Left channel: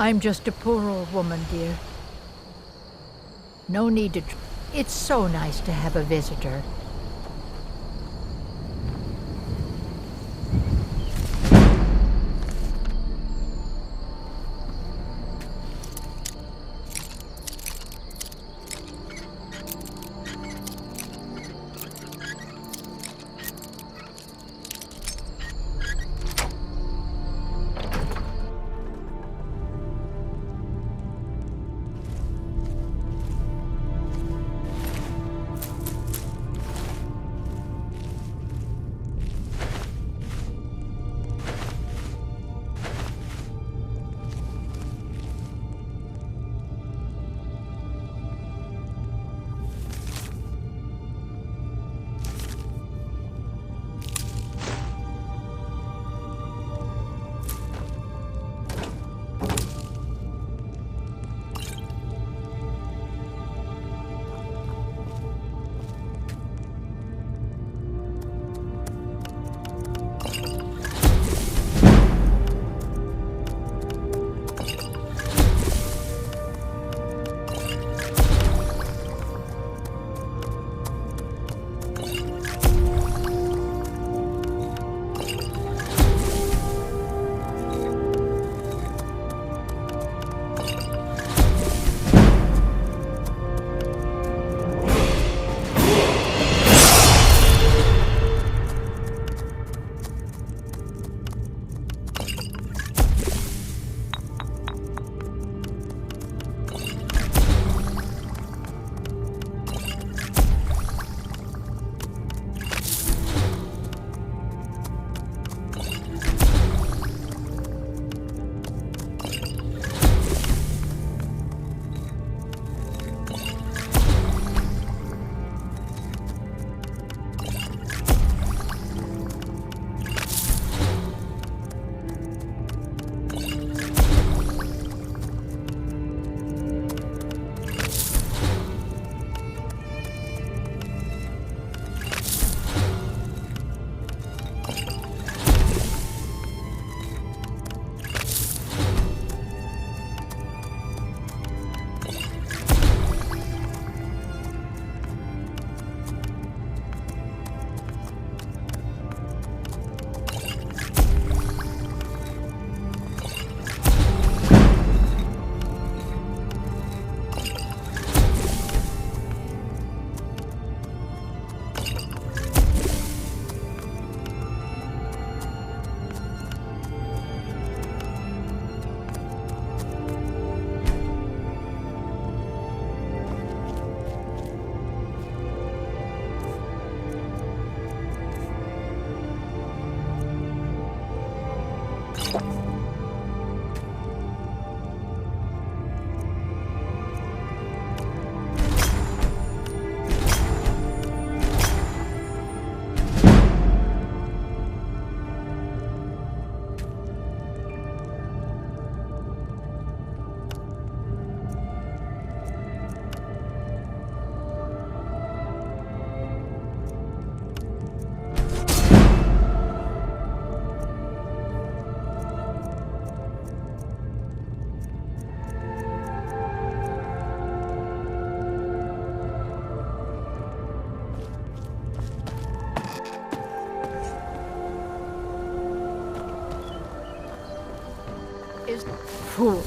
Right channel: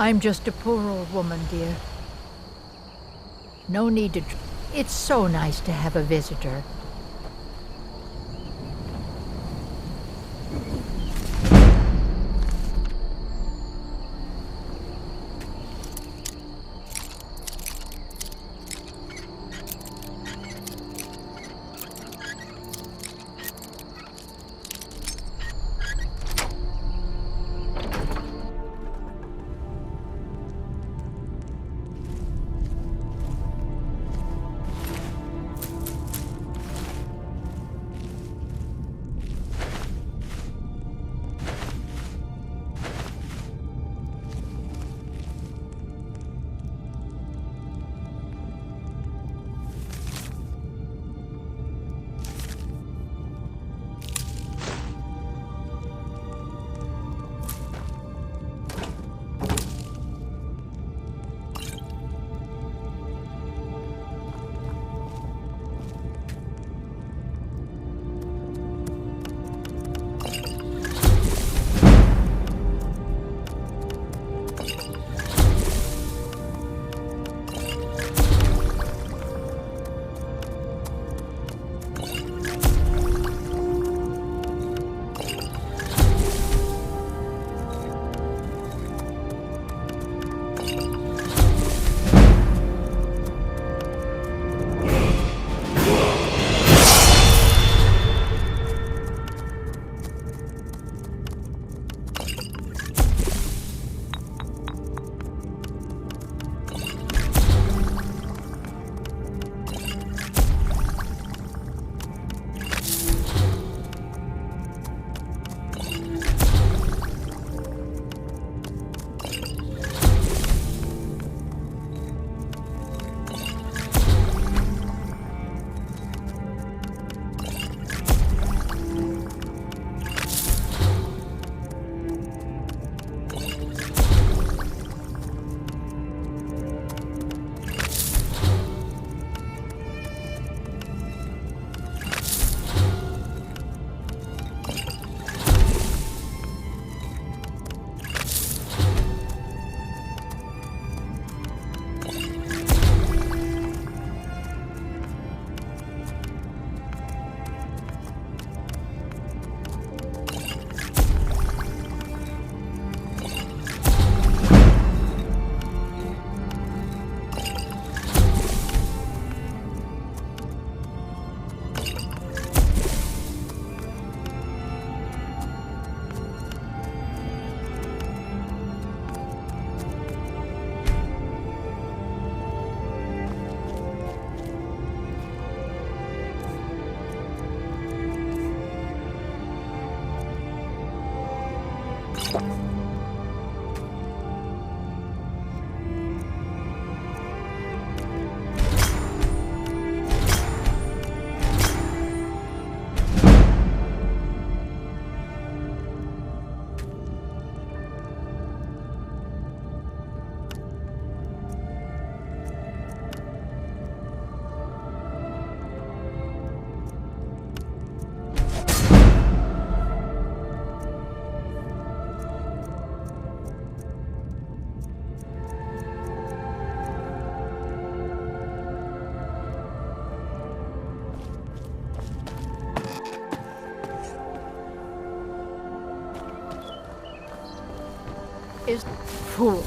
I'm just a poor old woman, dear. No need to... It's so nice to have a visitor. Is fool.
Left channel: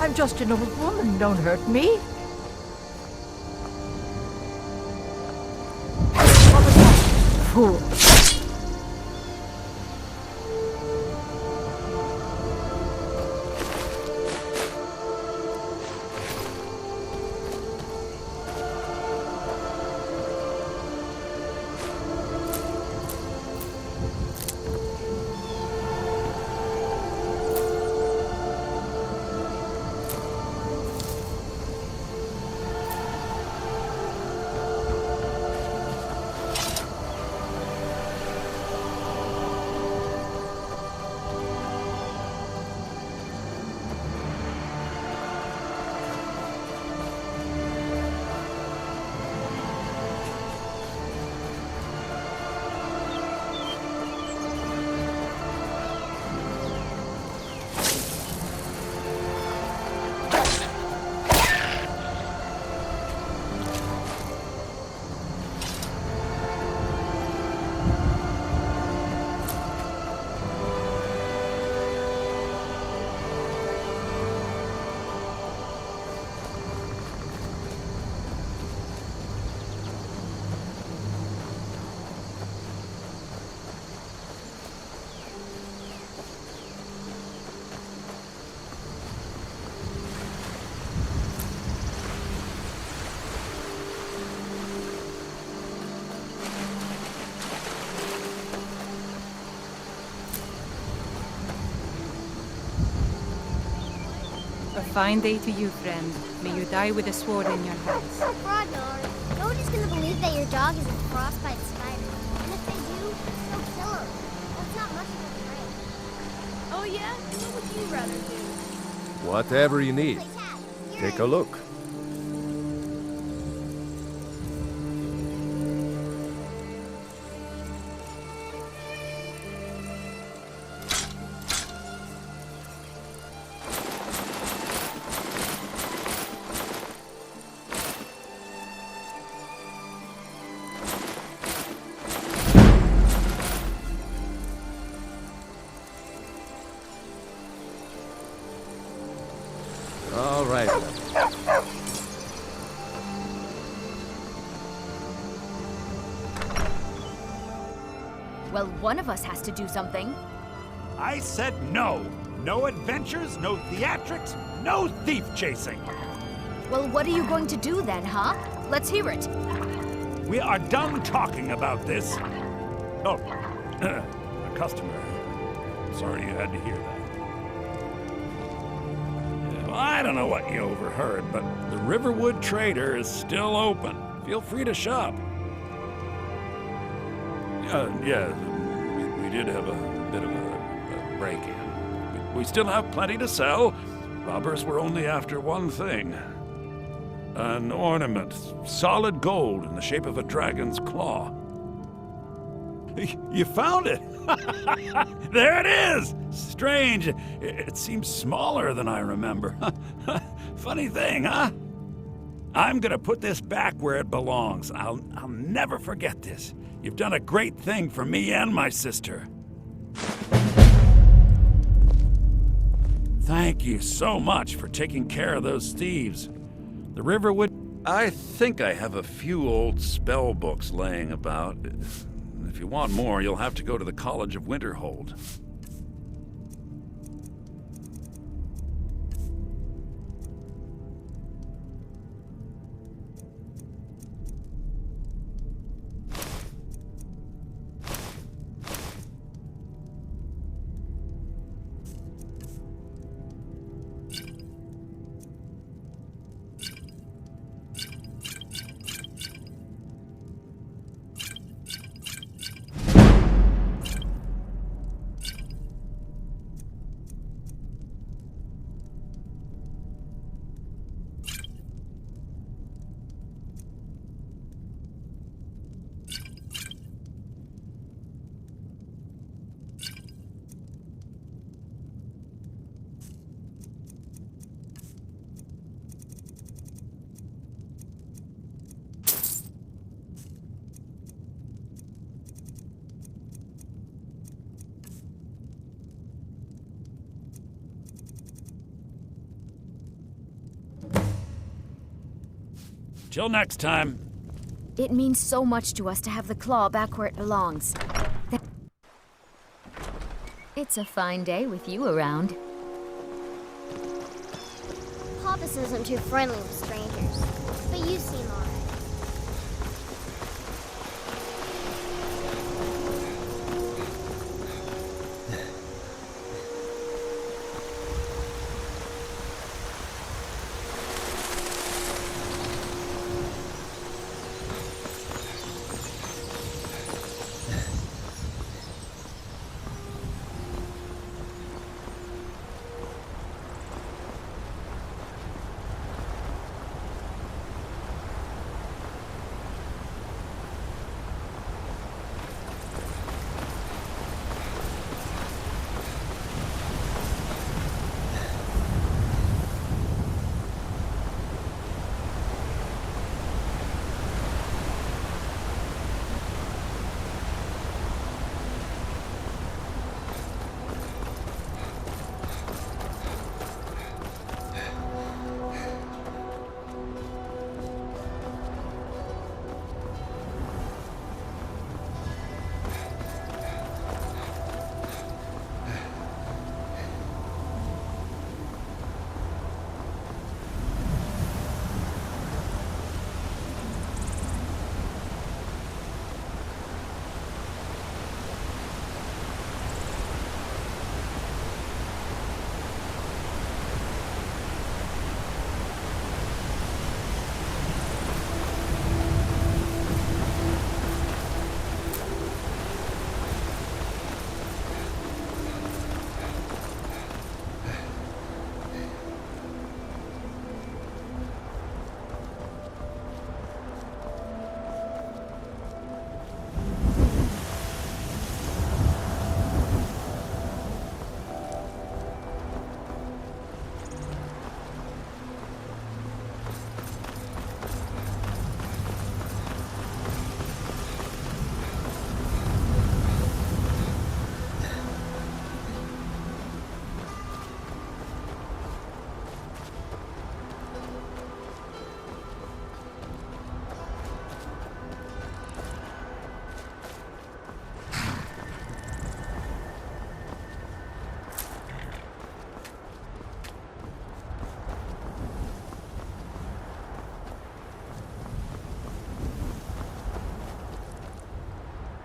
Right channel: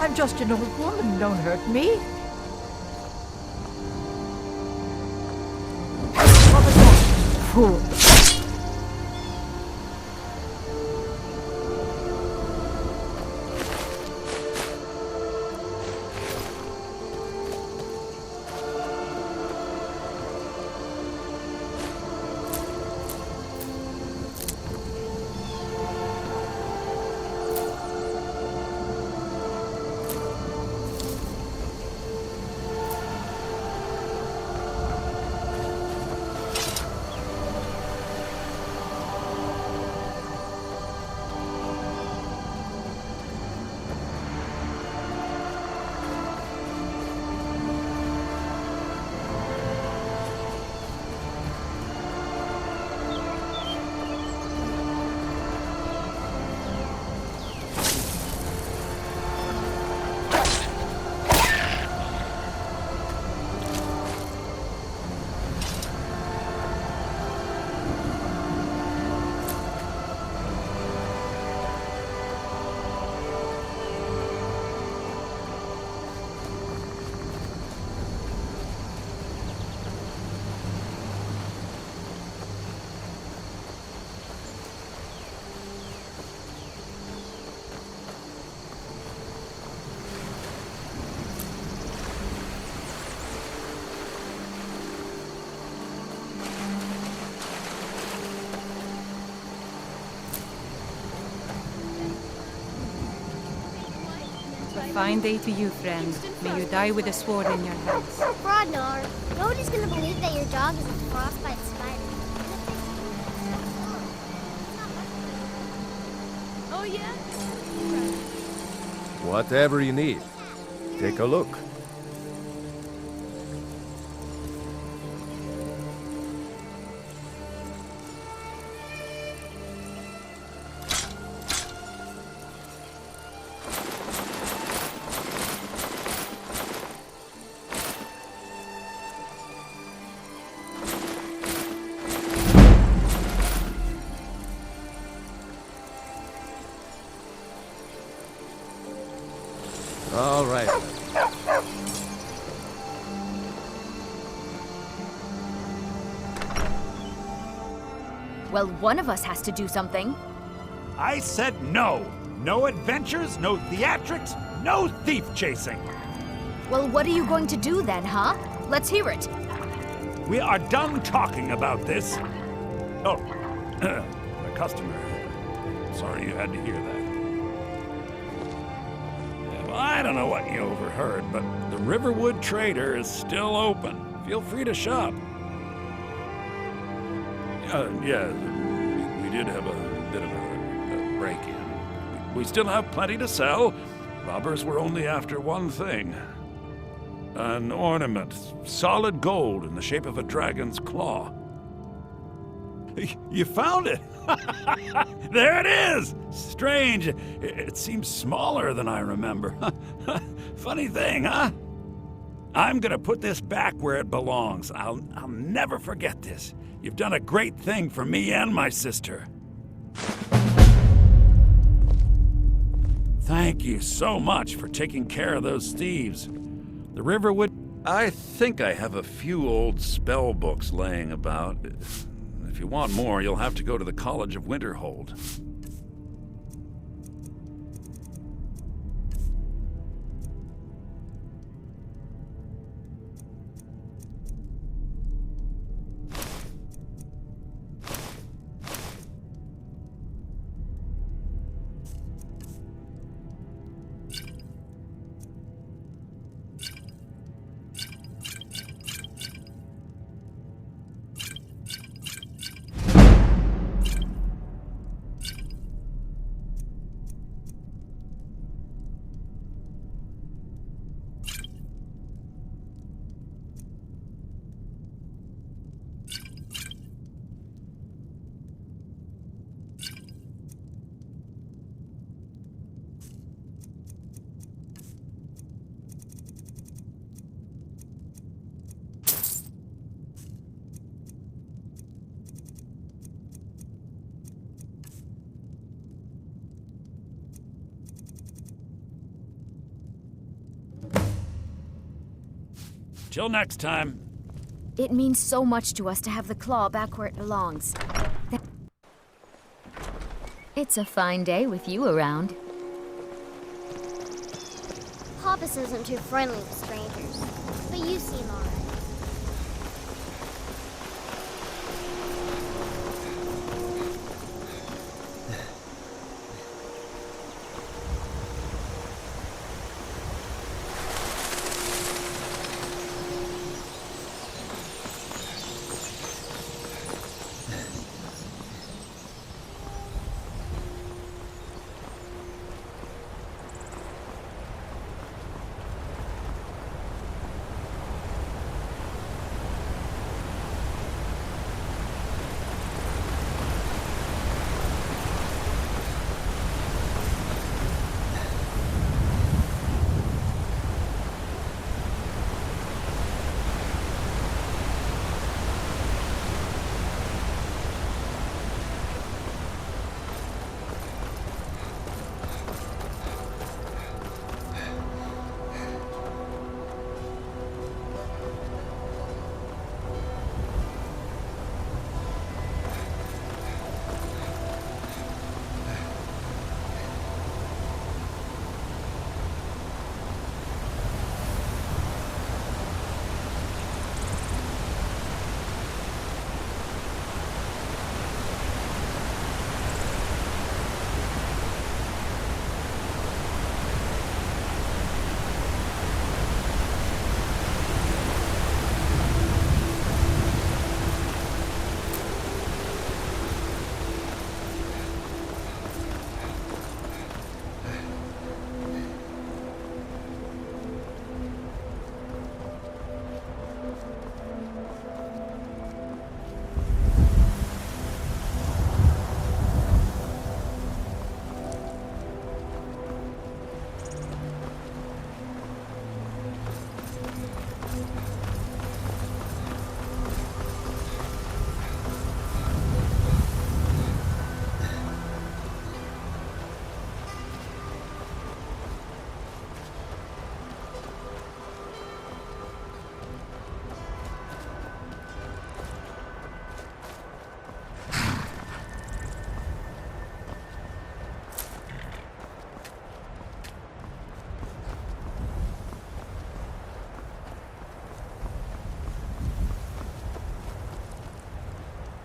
I'm just an old woman, don't hurt me. What was that? Fool. fine day to you, friend. May you die with a sword in your hands. Rodnar, nobody's gonna believe that your dog is a frostbite spider. And if they do, they'll kill him. That's not much of a right. Oh yeah? What would you rather do? Whatever you need. Take a look. All right. Well, one of us has to do something. I said no. No adventures, no theatrics, no thief chasing. Well, what are you going to do then, huh? Let's hear it. We are done talking about this. Oh, a customer. Sorry you had to hear that. Yeah, well, I don't know what you overheard, but the Riverwood Trader is still open. Feel free to shop. Yeah, we did have a bit of a break-in. We still have plenty to sell. Robbers were only after one thing. An ornament, solid gold in the shape of a dragon's claw. You found it! There it is! Strange. It seems smaller than I remember. Funny thing, huh? I'm gonna put this back where it belongs. I'll never forget this. You've done a great thing for me and my sister. Thank you so much for taking care of those thieves. The Riverwood... I think I have a few old spell books laying about. If you want more, you'll have to go to the College of Winterhold. Till next time. It means so much to us to have the claw back where it belongs. It's a fine day with you around. Papas isn't too friendly with strangers, but you seem alright.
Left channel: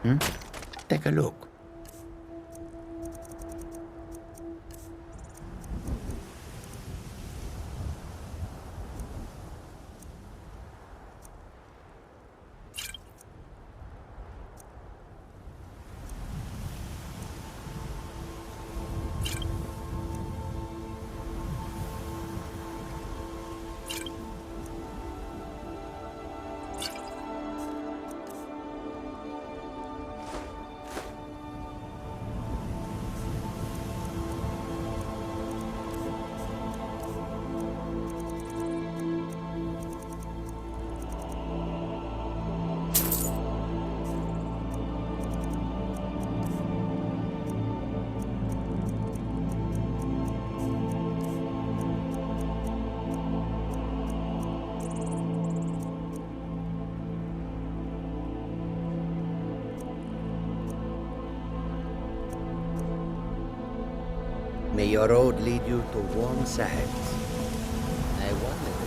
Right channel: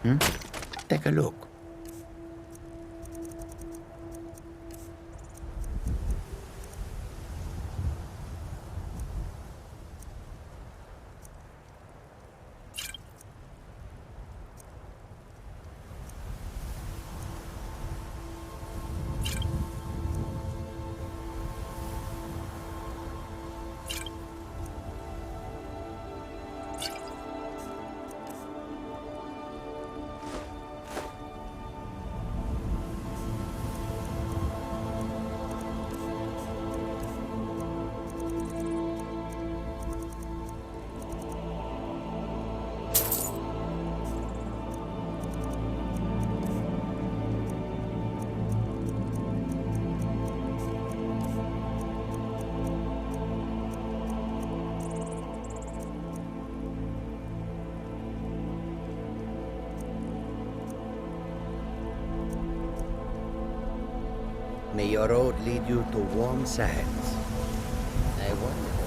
Take a look. May your road lead you to warm sands. I wonder if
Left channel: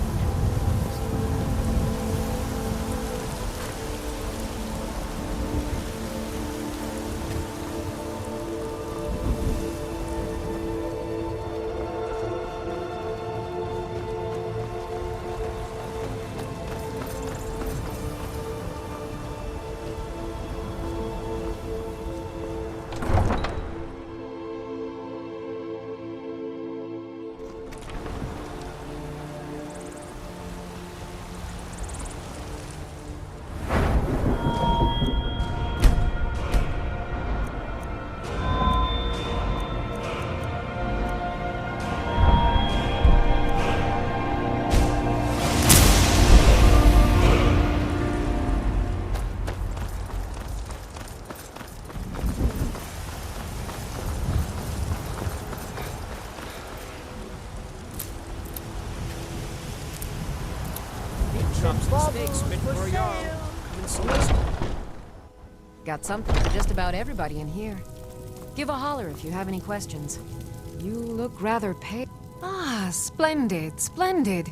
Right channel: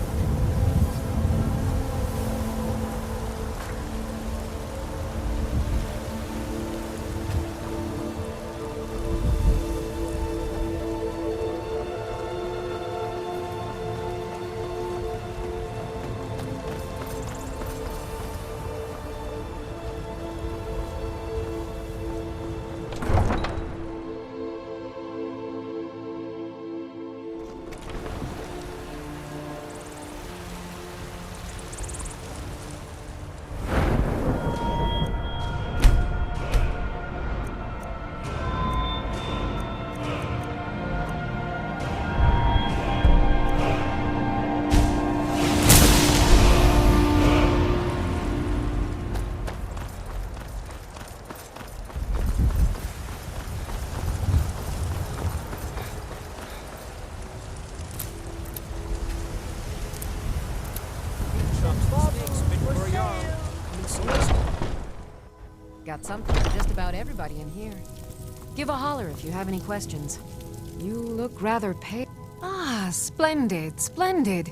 Got something for just about everybody in here. Give a holler if you have any questions. You look rather pale. Ah, splendid, splendid.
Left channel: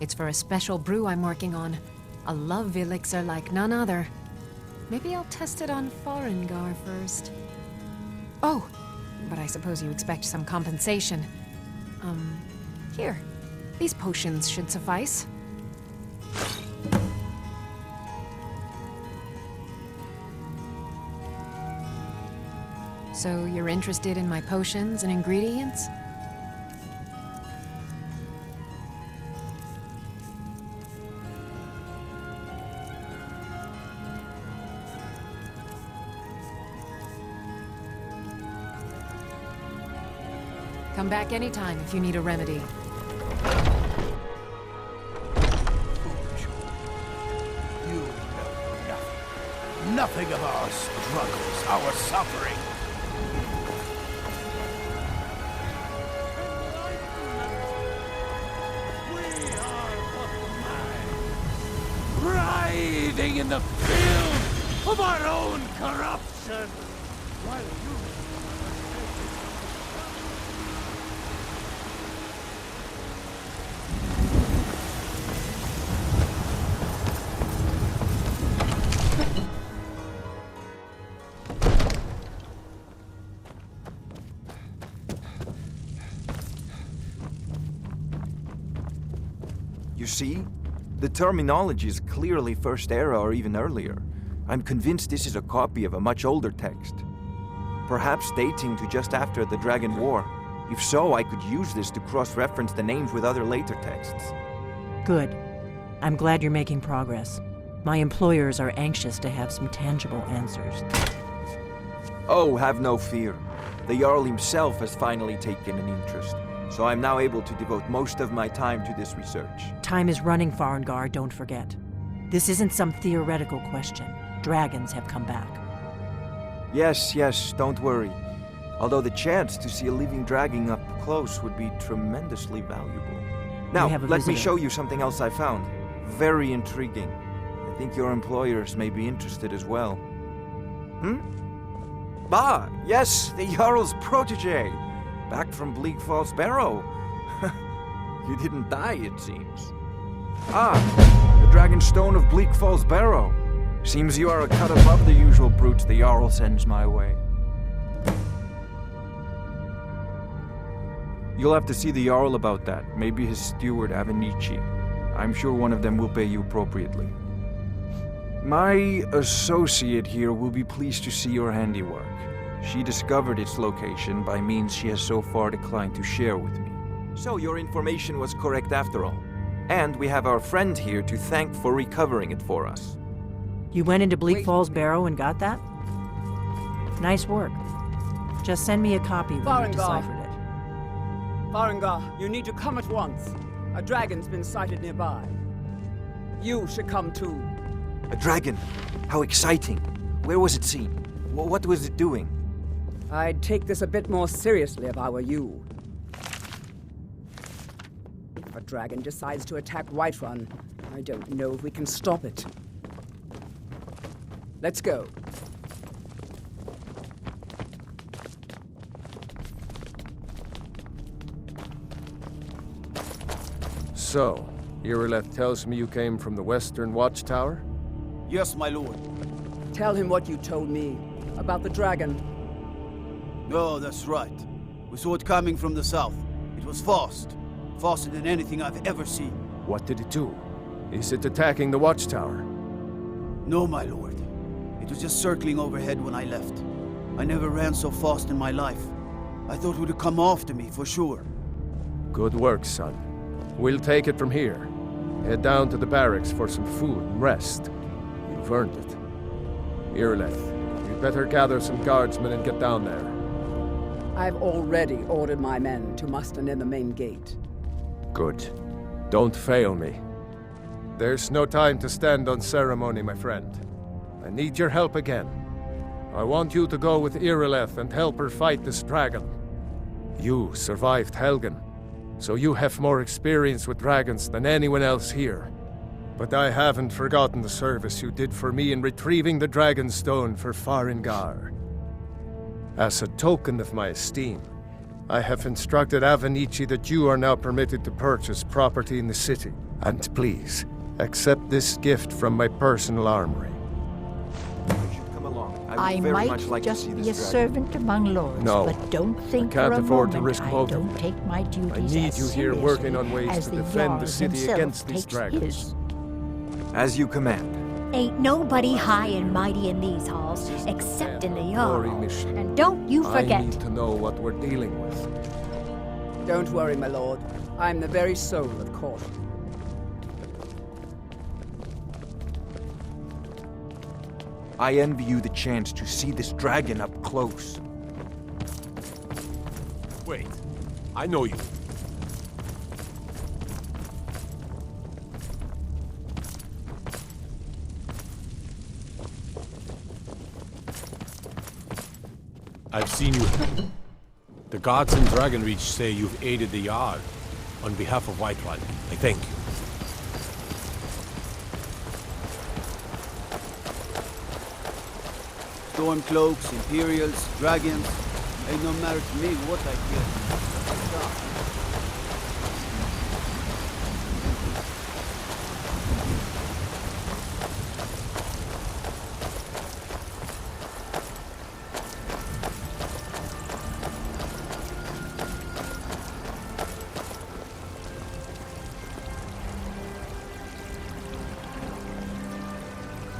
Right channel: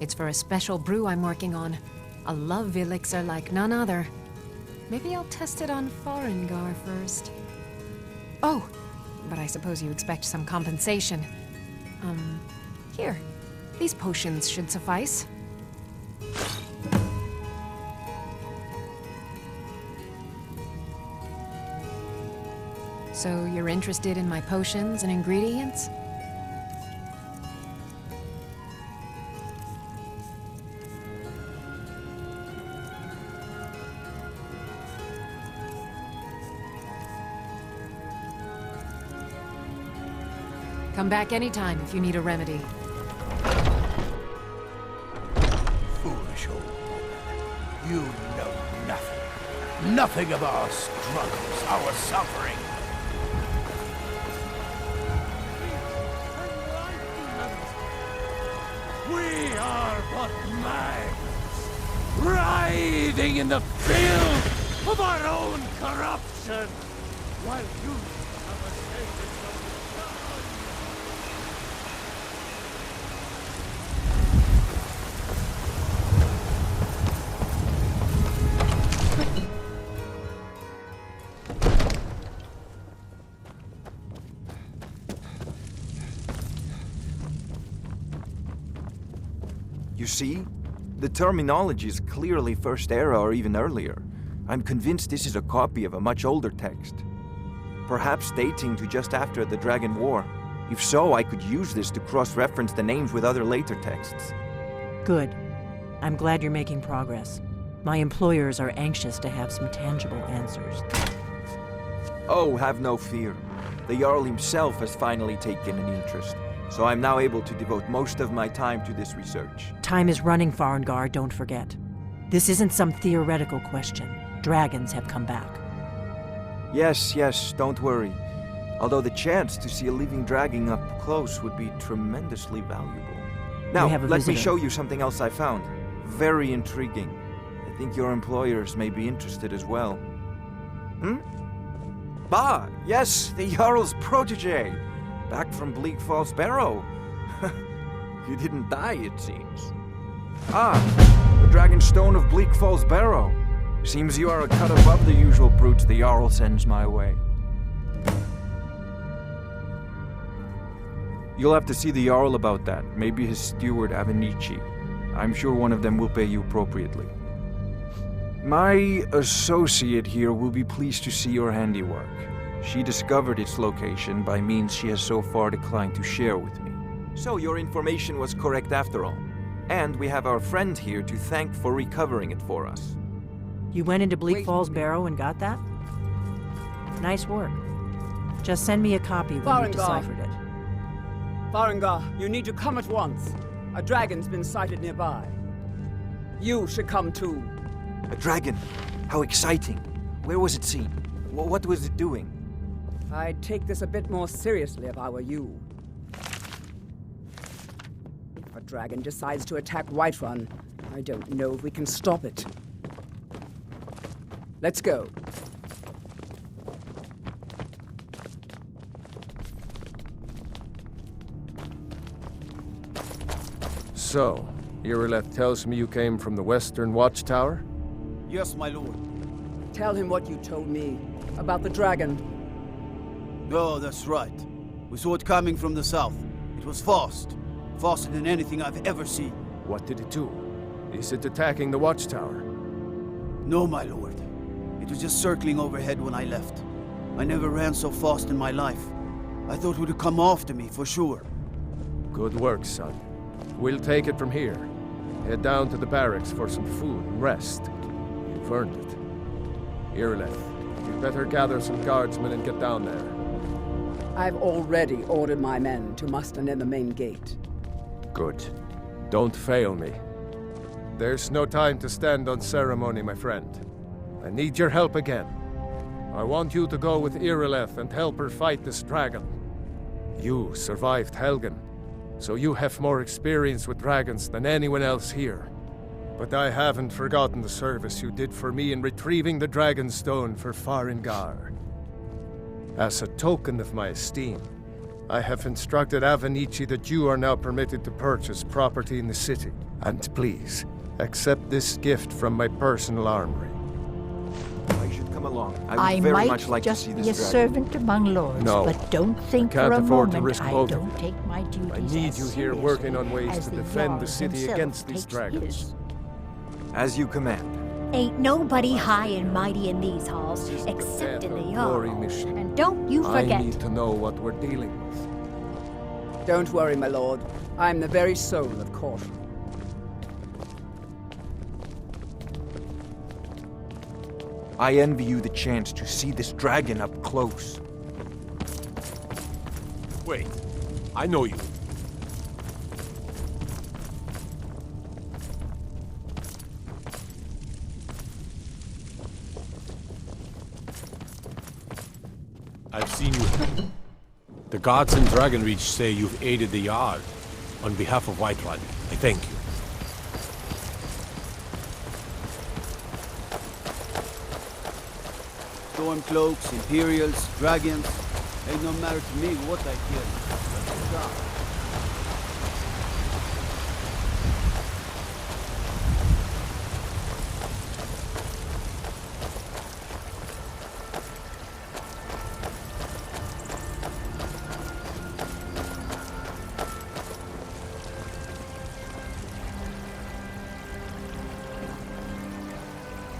It's for a special brew I'm working on. A love elixir like none other. Maybe I'll test it on Farengar first. Oh, but I suppose you expect some compensation. Here. These potions should suffice. So you're interested in my potions and ingredients? Come back anytime if you need a remedy. foolish old woman. You know nothing. Nothing of our struggles, our suffering. We are but minds, writhing in the filth of our own corruption, while you have ascended You see? The terminology is clearly First Era or even earlier. I'm convinced this is a copy of a much older text. Perhaps dating to just after the Dragon War. If so, I could use this to cross-reference the names with other later texts. Good. I'm glad you're making progress. My employers are anxious to have some tangible answers. Oh, have no fear. The Jarl himself has finally taken an interest, so I'm now able to devote most of my time to this research. Time is running, Farengar, don't forget. This isn't some theoretical question. Dragons have come back. Yes, don't worry. Although the chance to see a living dragon up close would be tremendously valuable. Now, let me show you something else I found. Very intriguing. I think your employers may be interested as well. Ah, yes, the Jarl's protege. Back from Bleak Falls Barrow. You didn't die, it seems. Ah, the Dragon Stone of Bleak Falls Barrow. Seems you are a cut above the usual brutes the Jarl sends my way. You'll have to see the Jarl about that. Maybe his steward, Avenici. I'm sure one of them will pay you appropriately. My associate here will be pleased to see your handiwork. She discovered its location by means she has so far declined to share with me. So your information was correct after all. And we have our friend here to thank for recovering it for us. You went into Bleak Falls Barrow and got that? Nice work. Just send me a copy when Farengar. you've deciphered it. Farengar, you need to come at once. A dragon's been sighted nearby. You should come too. A dragon? How exciting. Where was it seen? What was it doing? I'd take this a bit more seriously if I were you. If a dragon decides to attack Whiterun, I don't know if we can stop it. Let's go. So, Irileth tells me you came from the Western Watchtower? Yes, my lord. Tell him what you told me about the dragon. Oh, that's right. We saw it coming from the south. It was fast. Faster than anything I've ever seen. What did it do? Is it attacking the Watchtower? No, my lord. It was just circling overhead when I left. I never ran so fast in my life. I thought it would come after me, for sure. Good work, son. We'll take it from here. Head down to the barracks for some food and rest. You've earned it. Irileth, you'd better gather some guardsmen and get down there. I've already ordered my men to muster near the main gate. Good. Don't fail me. There's no time to stand on ceremony, my friend. I need your help again. I want you to go with Irileth and help her fight this dragon. You survived Helgen, so you have more experience with dragons than anyone else here. But I haven't forgotten the service you did for me in retrieving the Dragon Stone for Farengar. As a token of my esteem, I have instructed Avenici that you are now permitted to purchase property in the city. And please, accept this gift from my personal armory. I should come along. I I would very might much like to just see be this a dragon. servant among lords, No, but don't think can't for a afford to moment risk I both of don't them. take my duties I need as you here working on seriously ways as to the defend the Jarl city himself against these takes dragons. his. As you command. Ain't nobody high and mighty in these halls, except in the Jarl. Mission. And don't you I forget. need to know what we're dealing with. Don't worry, my lord. I'm the very soul of caution. I envy you the chance to see this dragon up close. Wait, I know you. I've seen you. The guards in Dragonreach say you've aided the Yard. On behalf of Whiterun, I thank you. Stormcloaks, Imperials, dragons. Ain't no matter to me what I kill. That's the job.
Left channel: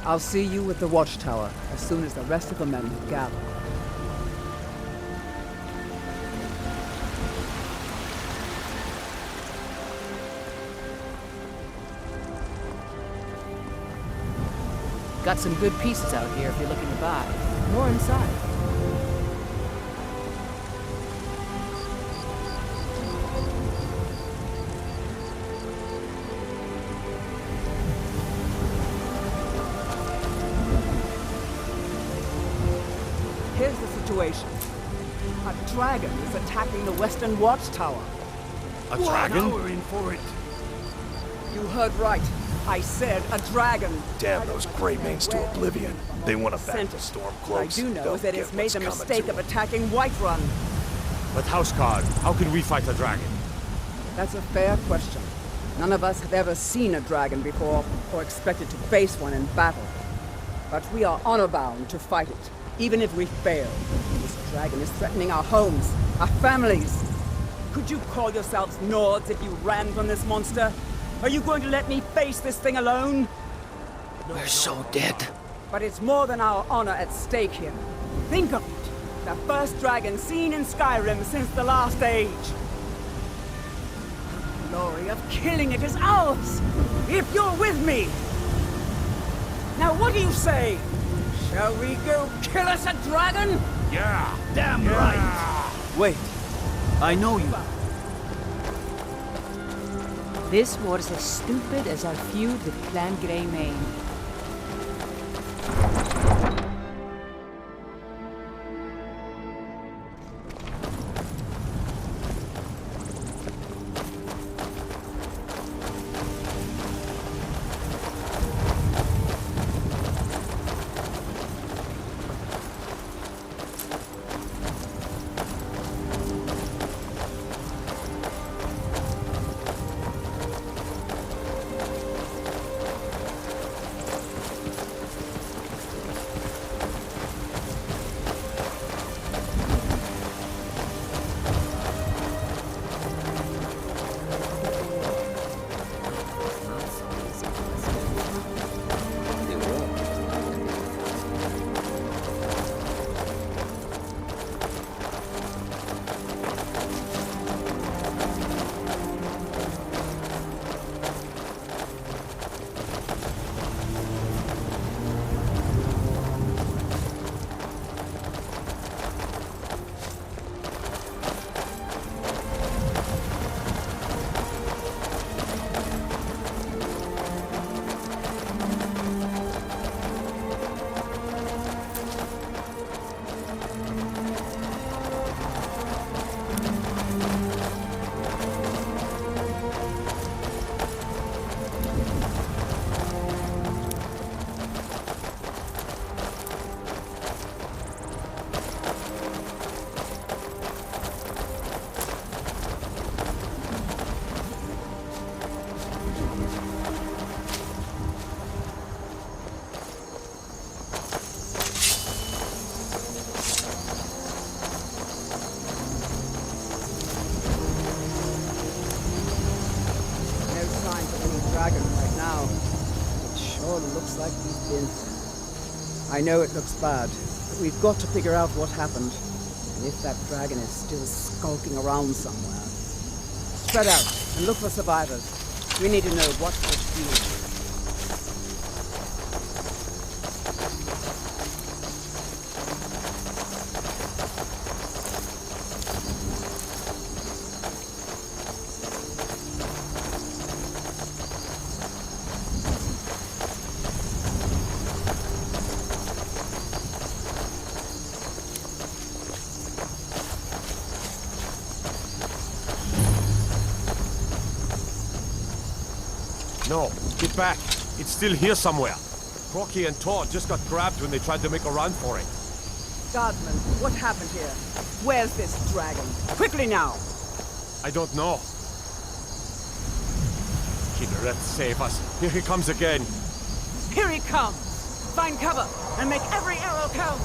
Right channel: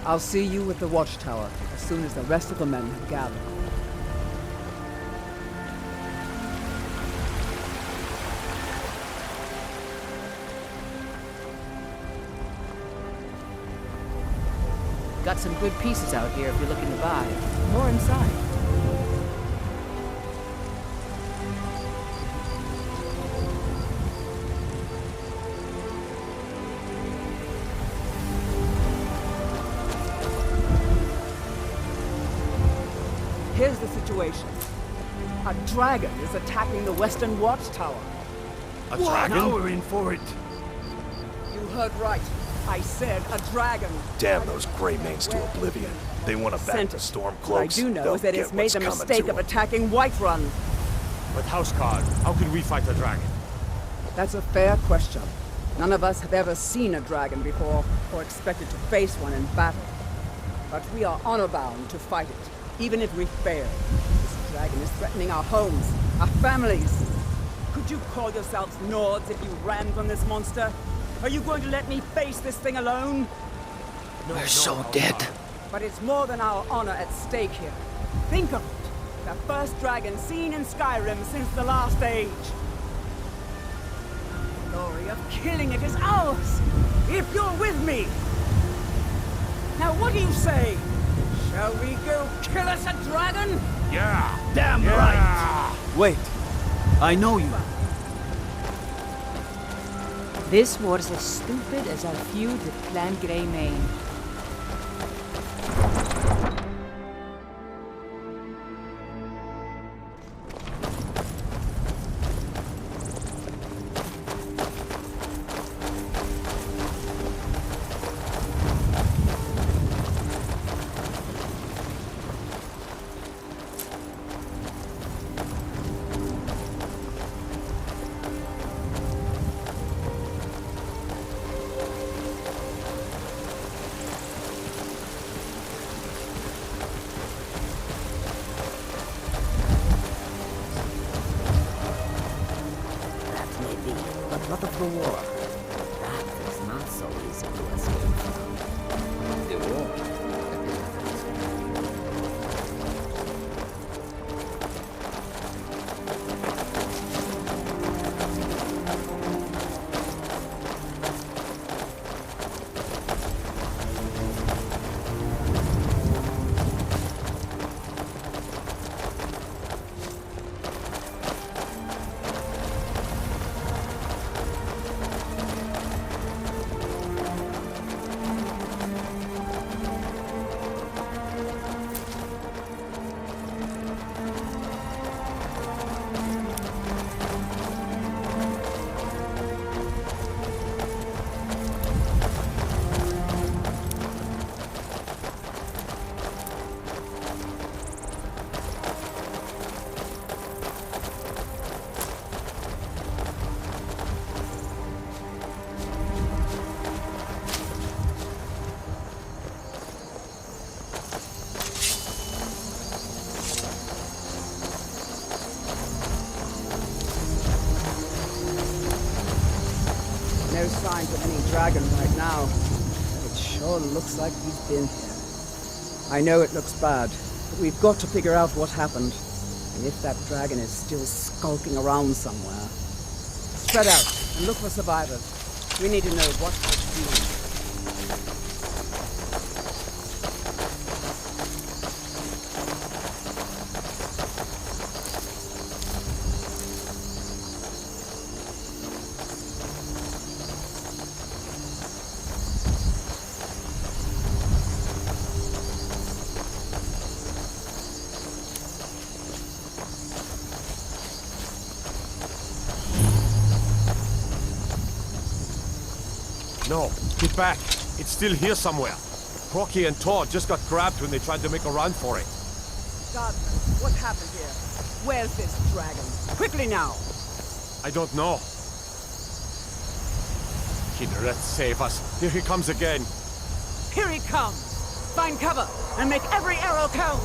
I'll see you at the Watchtower as soon as the rest of the men have gathered. Got some good pieces out here if you're looking to buy. More inside. Here's the situation. A dragon is attacking the Western Watchtower. A dragon? Now we're in for it. You heard right. I said a dragon. Damn those Greymanes to oblivion. They want to back Sent the it. Stormcloaks. What I do know They'll is that get it's made what's the coming mistake to of 'em. attacking Whiterun. But Houseguard, how can we fight a dragon? That's a fair question. None of us have ever seen a dragon before, or expected to face one in battle. But we are honor-bound to fight it, even if we fail. This dragon is threatening our homes, our families. Could you call yourselves Nords if you ran from this monster? Are you going to let me face this thing alone? We're so dead. But it's more than our honor at stake here. Think of it. The first dragon seen in Skyrim since the last age. The glory of killing it is ours, if you're with me. Now what do you say? Shall we go kill us a dragon? Yeah! Damn right! Wait, I know you. This war's as stupid as our feud with Clan Greymane. No signs of any dragon right now. But it sure looks like he's been here. I know it looks bad, but we've got to figure out what happened. And if that dragon is still skulking around somewhere. Spread out and look for survivors. We need to know what we're doing. No, get back. It's still here somewhere. Crocky and Todd just got grabbed when they tried to make a run for it. Guardsman, what happened here? Where's this dragon? Quickly now! I don't know. Kinneret, save us. Here he comes again. Here he comes! Find cover and make every arrow count!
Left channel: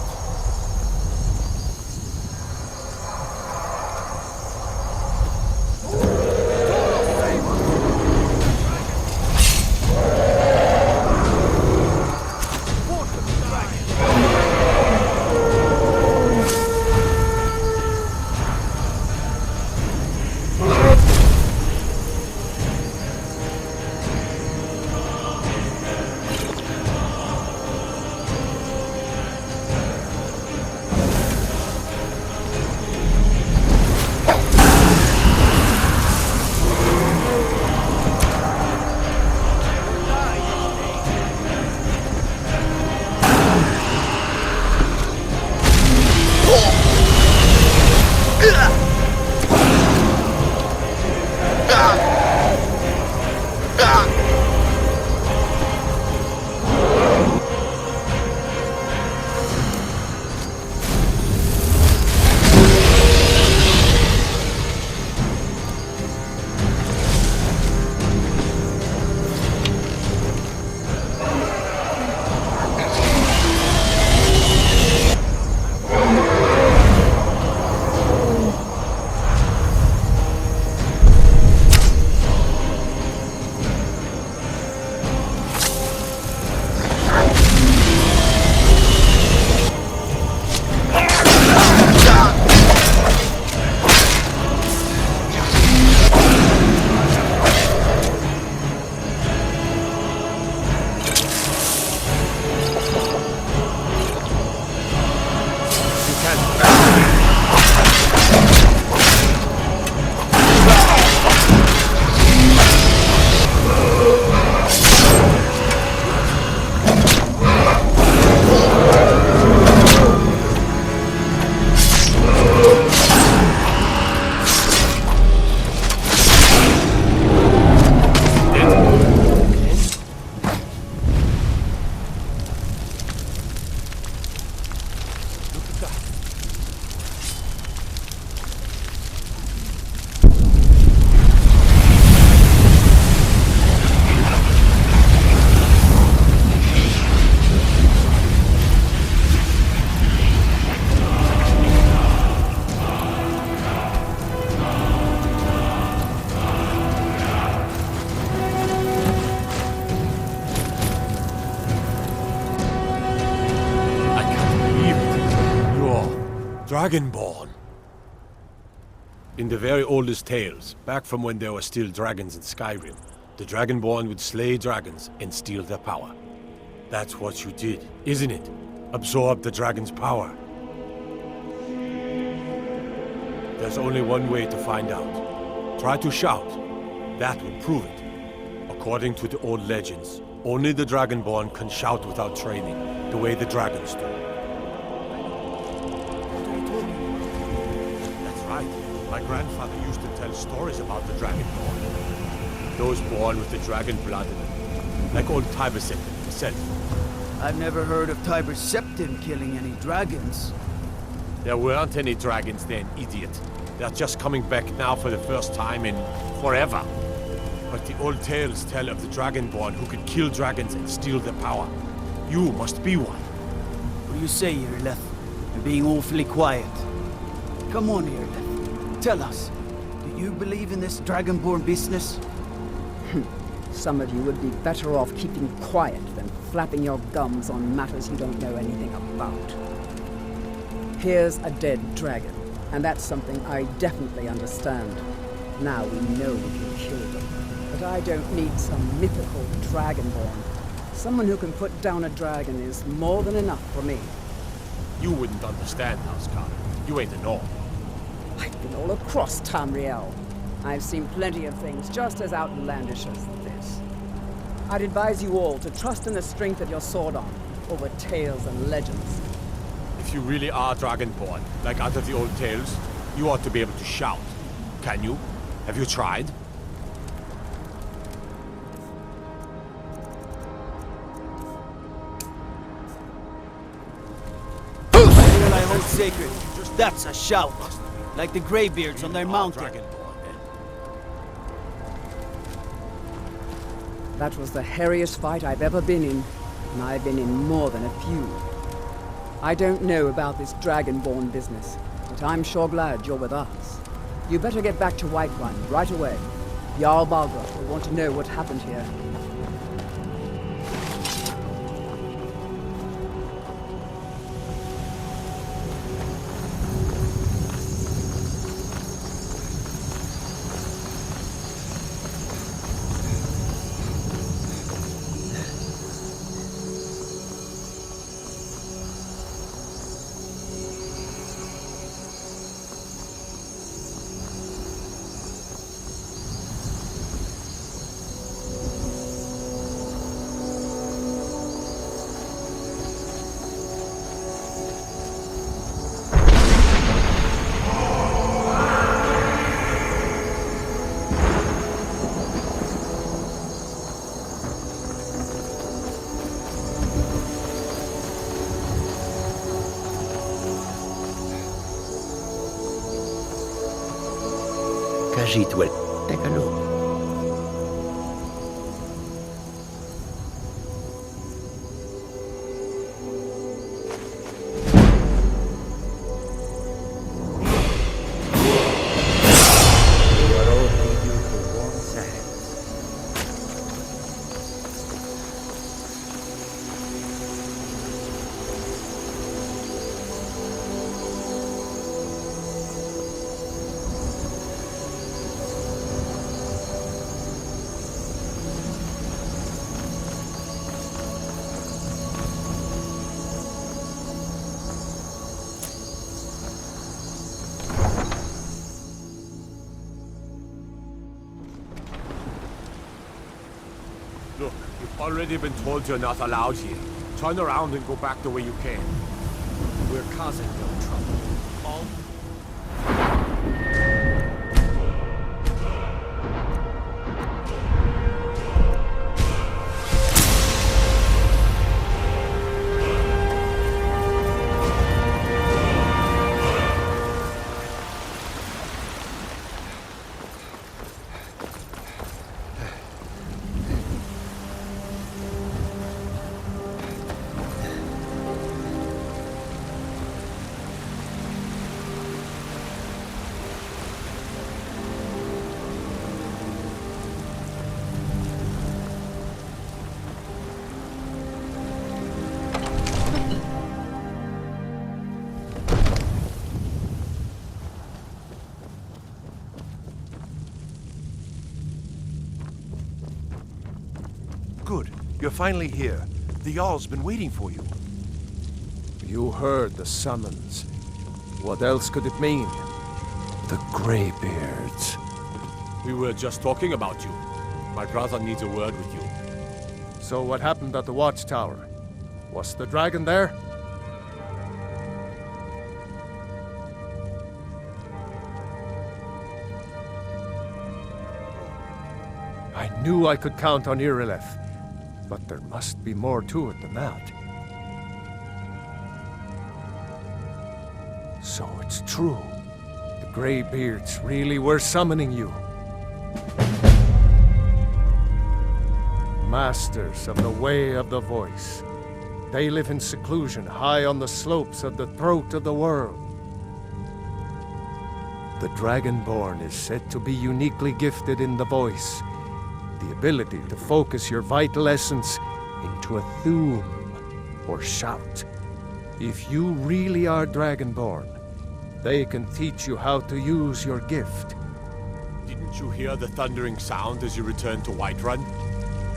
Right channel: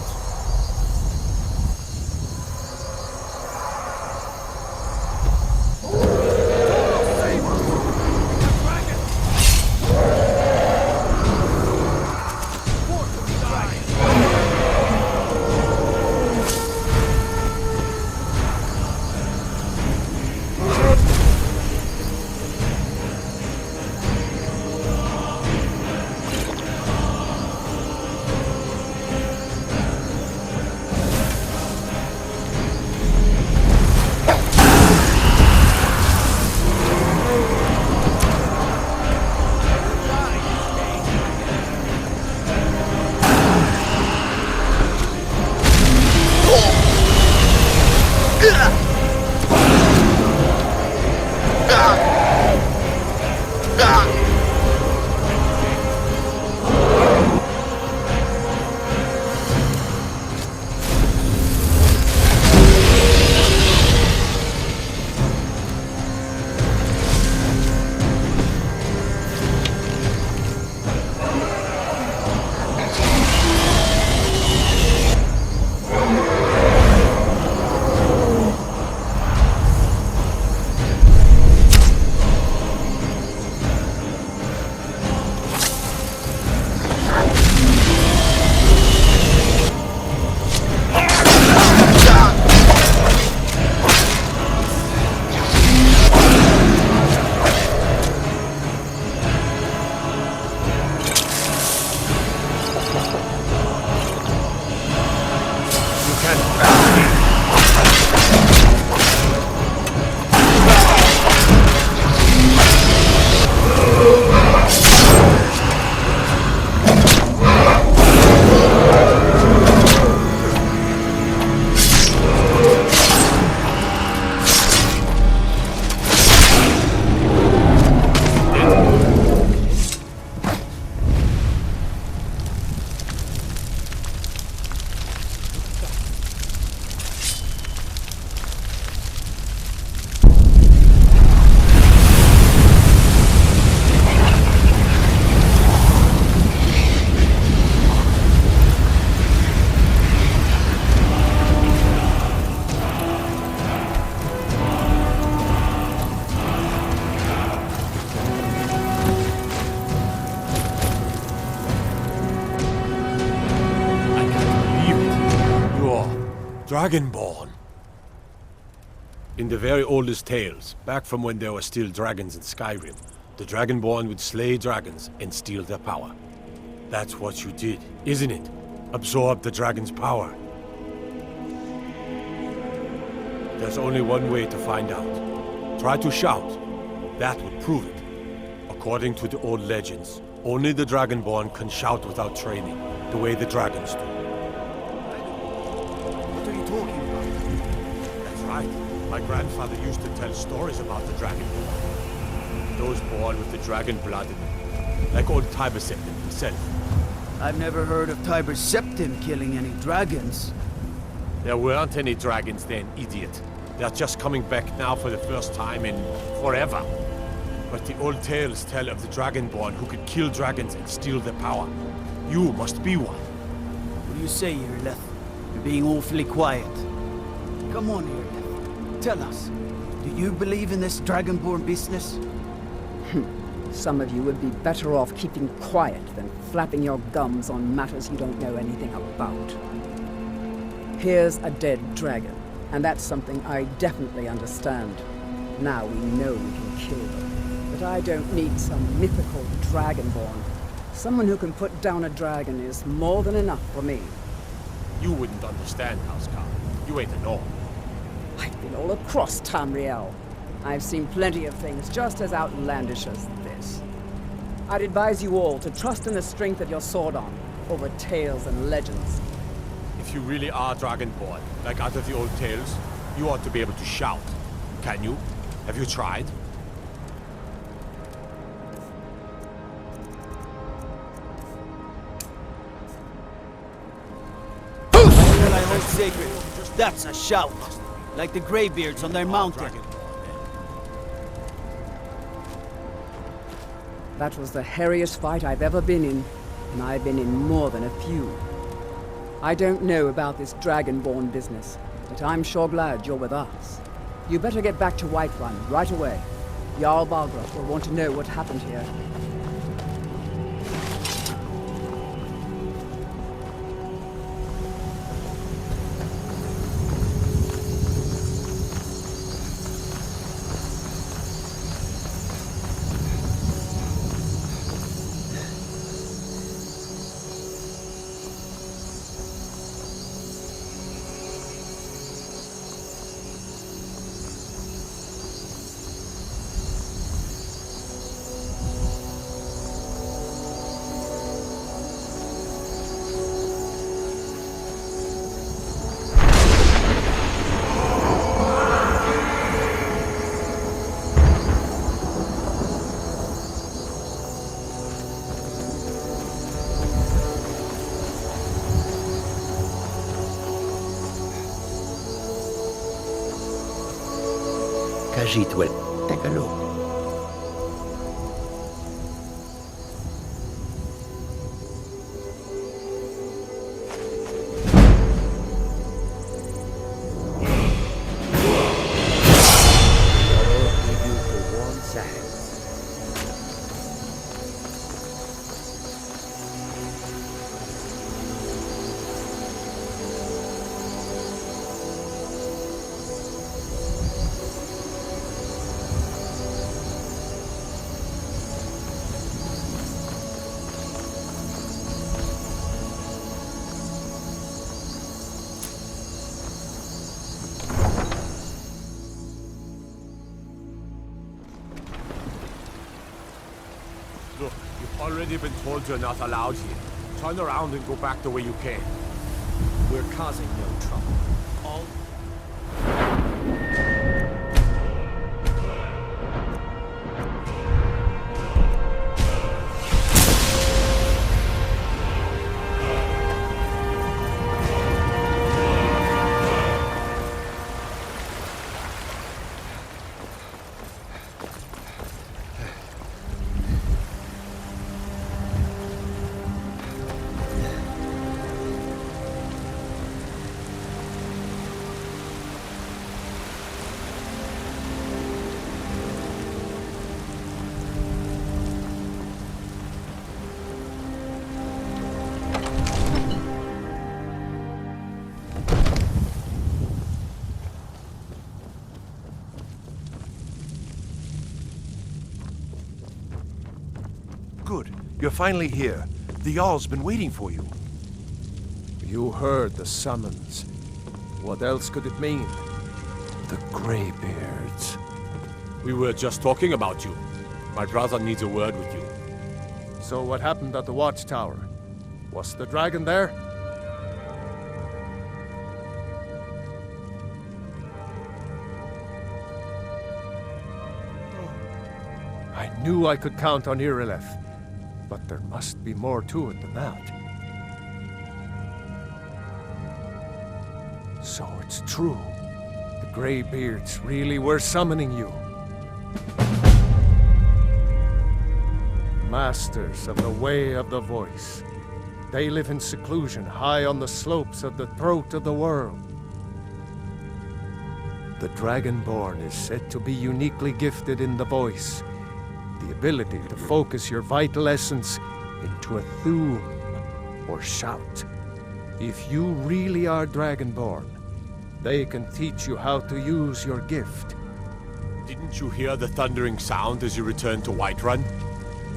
Dragonborn. In the very oldest tales, back from when there were still dragons in Skyrim, the Dragonborn would slay dragons and steal their power. That's what you did, isn't it? Absorb the dragon's power. There's only one way to find out. Try to shout. That would prove it. According to the old legends, only the Dragonborn can shout without training, the way the dragons do. What are you talking about? That's right. My grandfather used to tell stories about the Dragonborn. Those born with the dragon blood in them. Like old Tiber Septim himself. I've never heard of Tiber Septim killing any dragons. There weren't any dragons then, idiot. They're just coming back now for the first time in forever. But the old tales tell of the Dragonborn who could kill dragons and steal their power. You must be one. What do you say, Irileth? You're being awfully quiet. Come on, Irileth. Tell us. Do you believe in this Dragonborn business? Some of you would be better off keeping quiet than flapping your gums on matters you don't know anything about. Here's a dead dragon, and that's something I definitely understand. Now we know we can kill them. But I don't need some mythical Dragonborn. Someone who can put down a dragon is more than enough for me. You wouldn't understand, Housecarl. You ain't a Norn. I've been all across Tamriel. I've seen plenty of things just as outlandish as this. I'd advise you all to trust in the strength of your sword arm over tales and legends. If you really are Dragonborn, like out of the old tales, you ought to be able to shout. Can you? Have you tried? All I hold sacred. That's a shout. Like the Greybeards on their mountain. That was the hairiest fight I've ever been in, and I've been in more than a few. I don't know about this Dragonborn business, but I'm sure glad you're with us. You better get back to Whiterun right away. Jarl Balgruuf will want to know what happened here. Kajitwel. Take a look. Your oath lead you to warm sands. Look, you've already been told you're not allowed here. Turn around and go back the way you came. We're causing no trouble. All Good. You're finally here. The Jarl's been waiting for you. You heard the summons. What else could it mean? The Greybeards. We were just talking about you. My brother needs a word with you. So what happened at the watchtower? Was the dragon there? I knew I could count on Irileth, but there must be more to it than that. So it's true. The Greybeards really were summoning you. Masters of the Way of the Voice. They live in seclusion high on the slopes of the throat of the world. The Dragonborn is said to be uniquely gifted in the voice, the ability to focus your vital essence into a thum, or shout. If you really are Dragonborn, they can teach you how to use your gift. Didn't you hear the thundering sound as you returned to Whiterun?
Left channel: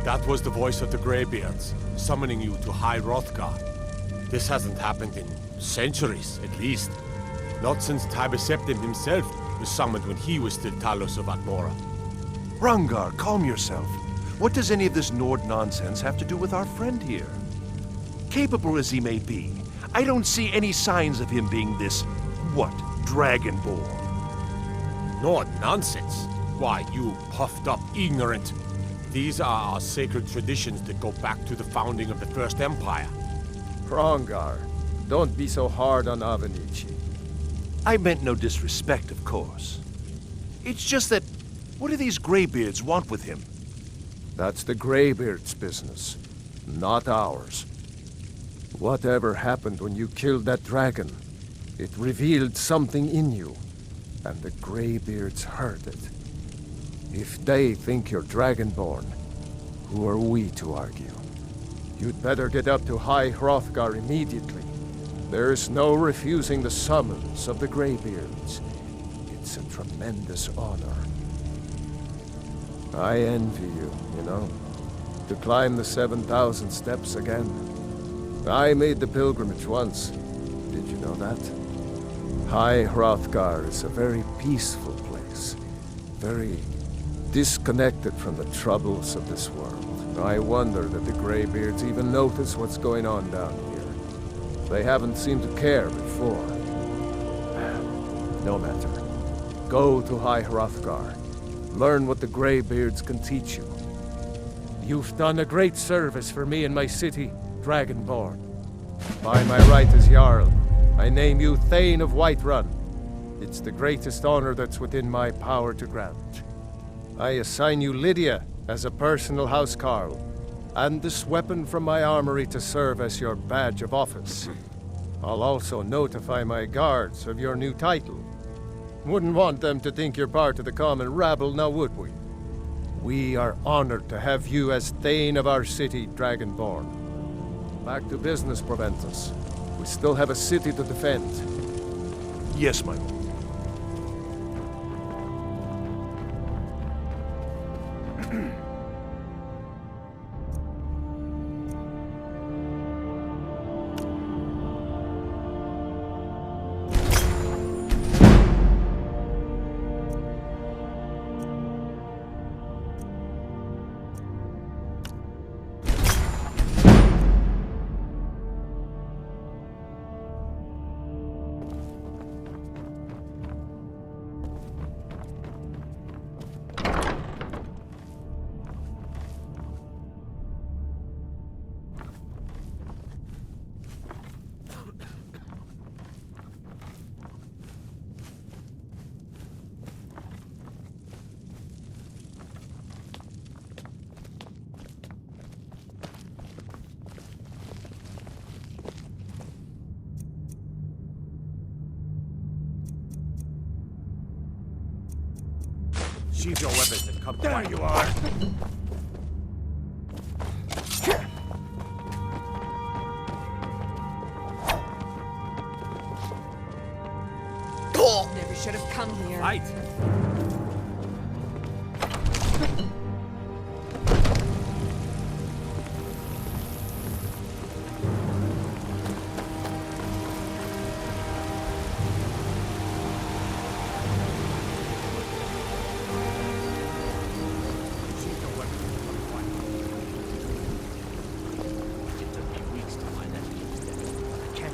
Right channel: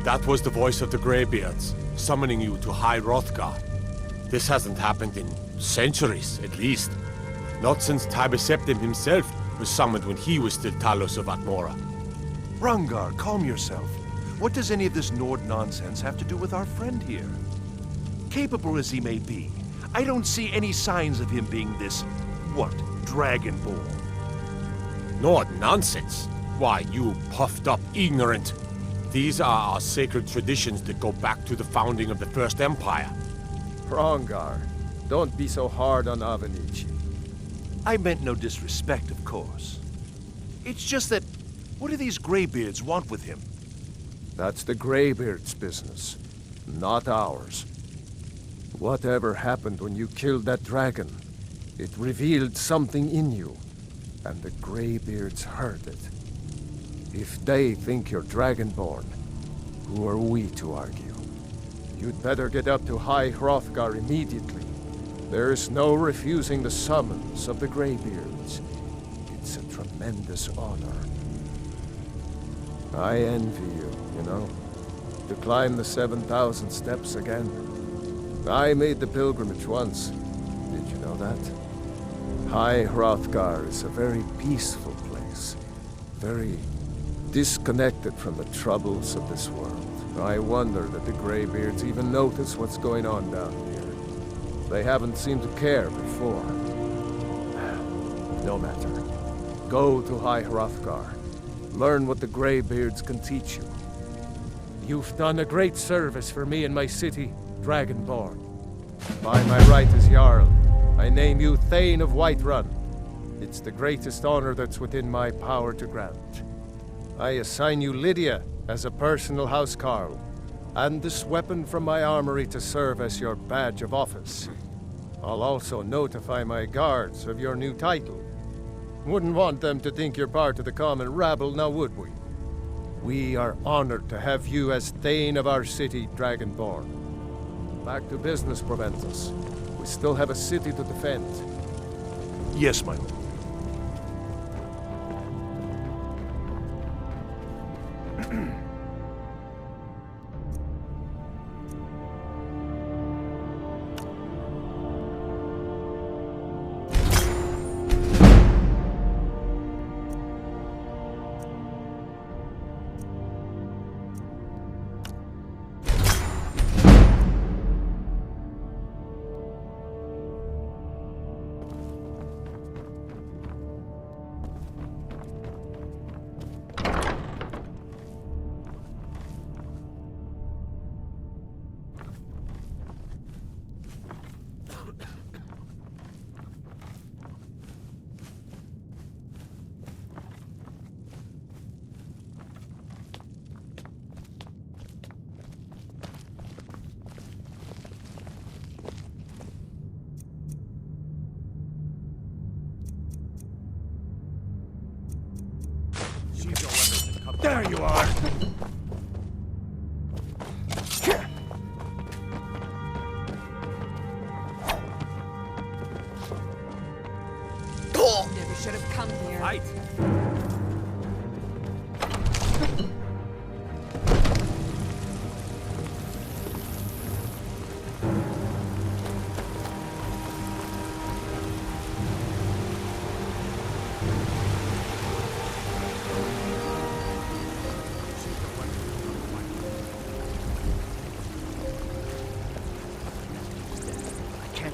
That was the voice of the Greybeards, summoning you to High Hrothgar. This hasn't happened in centuries, at least. Not since Tiber Septim himself was summoned when he was still Talos of Atmora. Hrongar, calm yourself. What does any of this Nord nonsense have to do with our friend here? Capable as he may be, I don't see any signs of him being this, what, Dragonborn? Nord nonsense? Why, you puffed up ignorant. These are our sacred traditions that go back to the founding of the First Empire. Hrongar, don't be so hard on Avenici. I meant no disrespect, of course. It's just that, what do these Greybeards want with him? That's the Greybeards' business, not ours. Whatever happened when you killed that dragon, it revealed something in you, and the Greybeards heard it. If they think you're Dragonborn, who are we to argue? You'd better get up to High Hrothgar immediately. There's no refusing the summons of the Greybeards. It's a tremendous honor. I envy you, you know, to climb the 7,000 steps again. I made the pilgrimage once. Did you know that? High Hrothgar is a very peaceful place. Very disconnected from the troubles of this world. I wonder that the Greybeards even notice what's going on down here. They haven't seemed to care before. No matter. Go to High Hrothgar. Learn what the Greybeards can teach you. You've done a great service for me and my city, Dragonborn. By my right as Jarl, I name you Thane of Whiterun. It's the greatest honor that's within my power to grant. I assign you Lydia as a personal housecarl, and this weapon from my armory to serve as your badge of office. I'll also notify my guards of your new title. Wouldn't want them to think you're part of the common rabble, now would we? We are honored to have you as Thane of our city, Dragonborn. Back to business, Proventus. We still have a city to defend. Yes, my lord. Sheathe your weapons and come There back. you are! Never should have come here. Fight!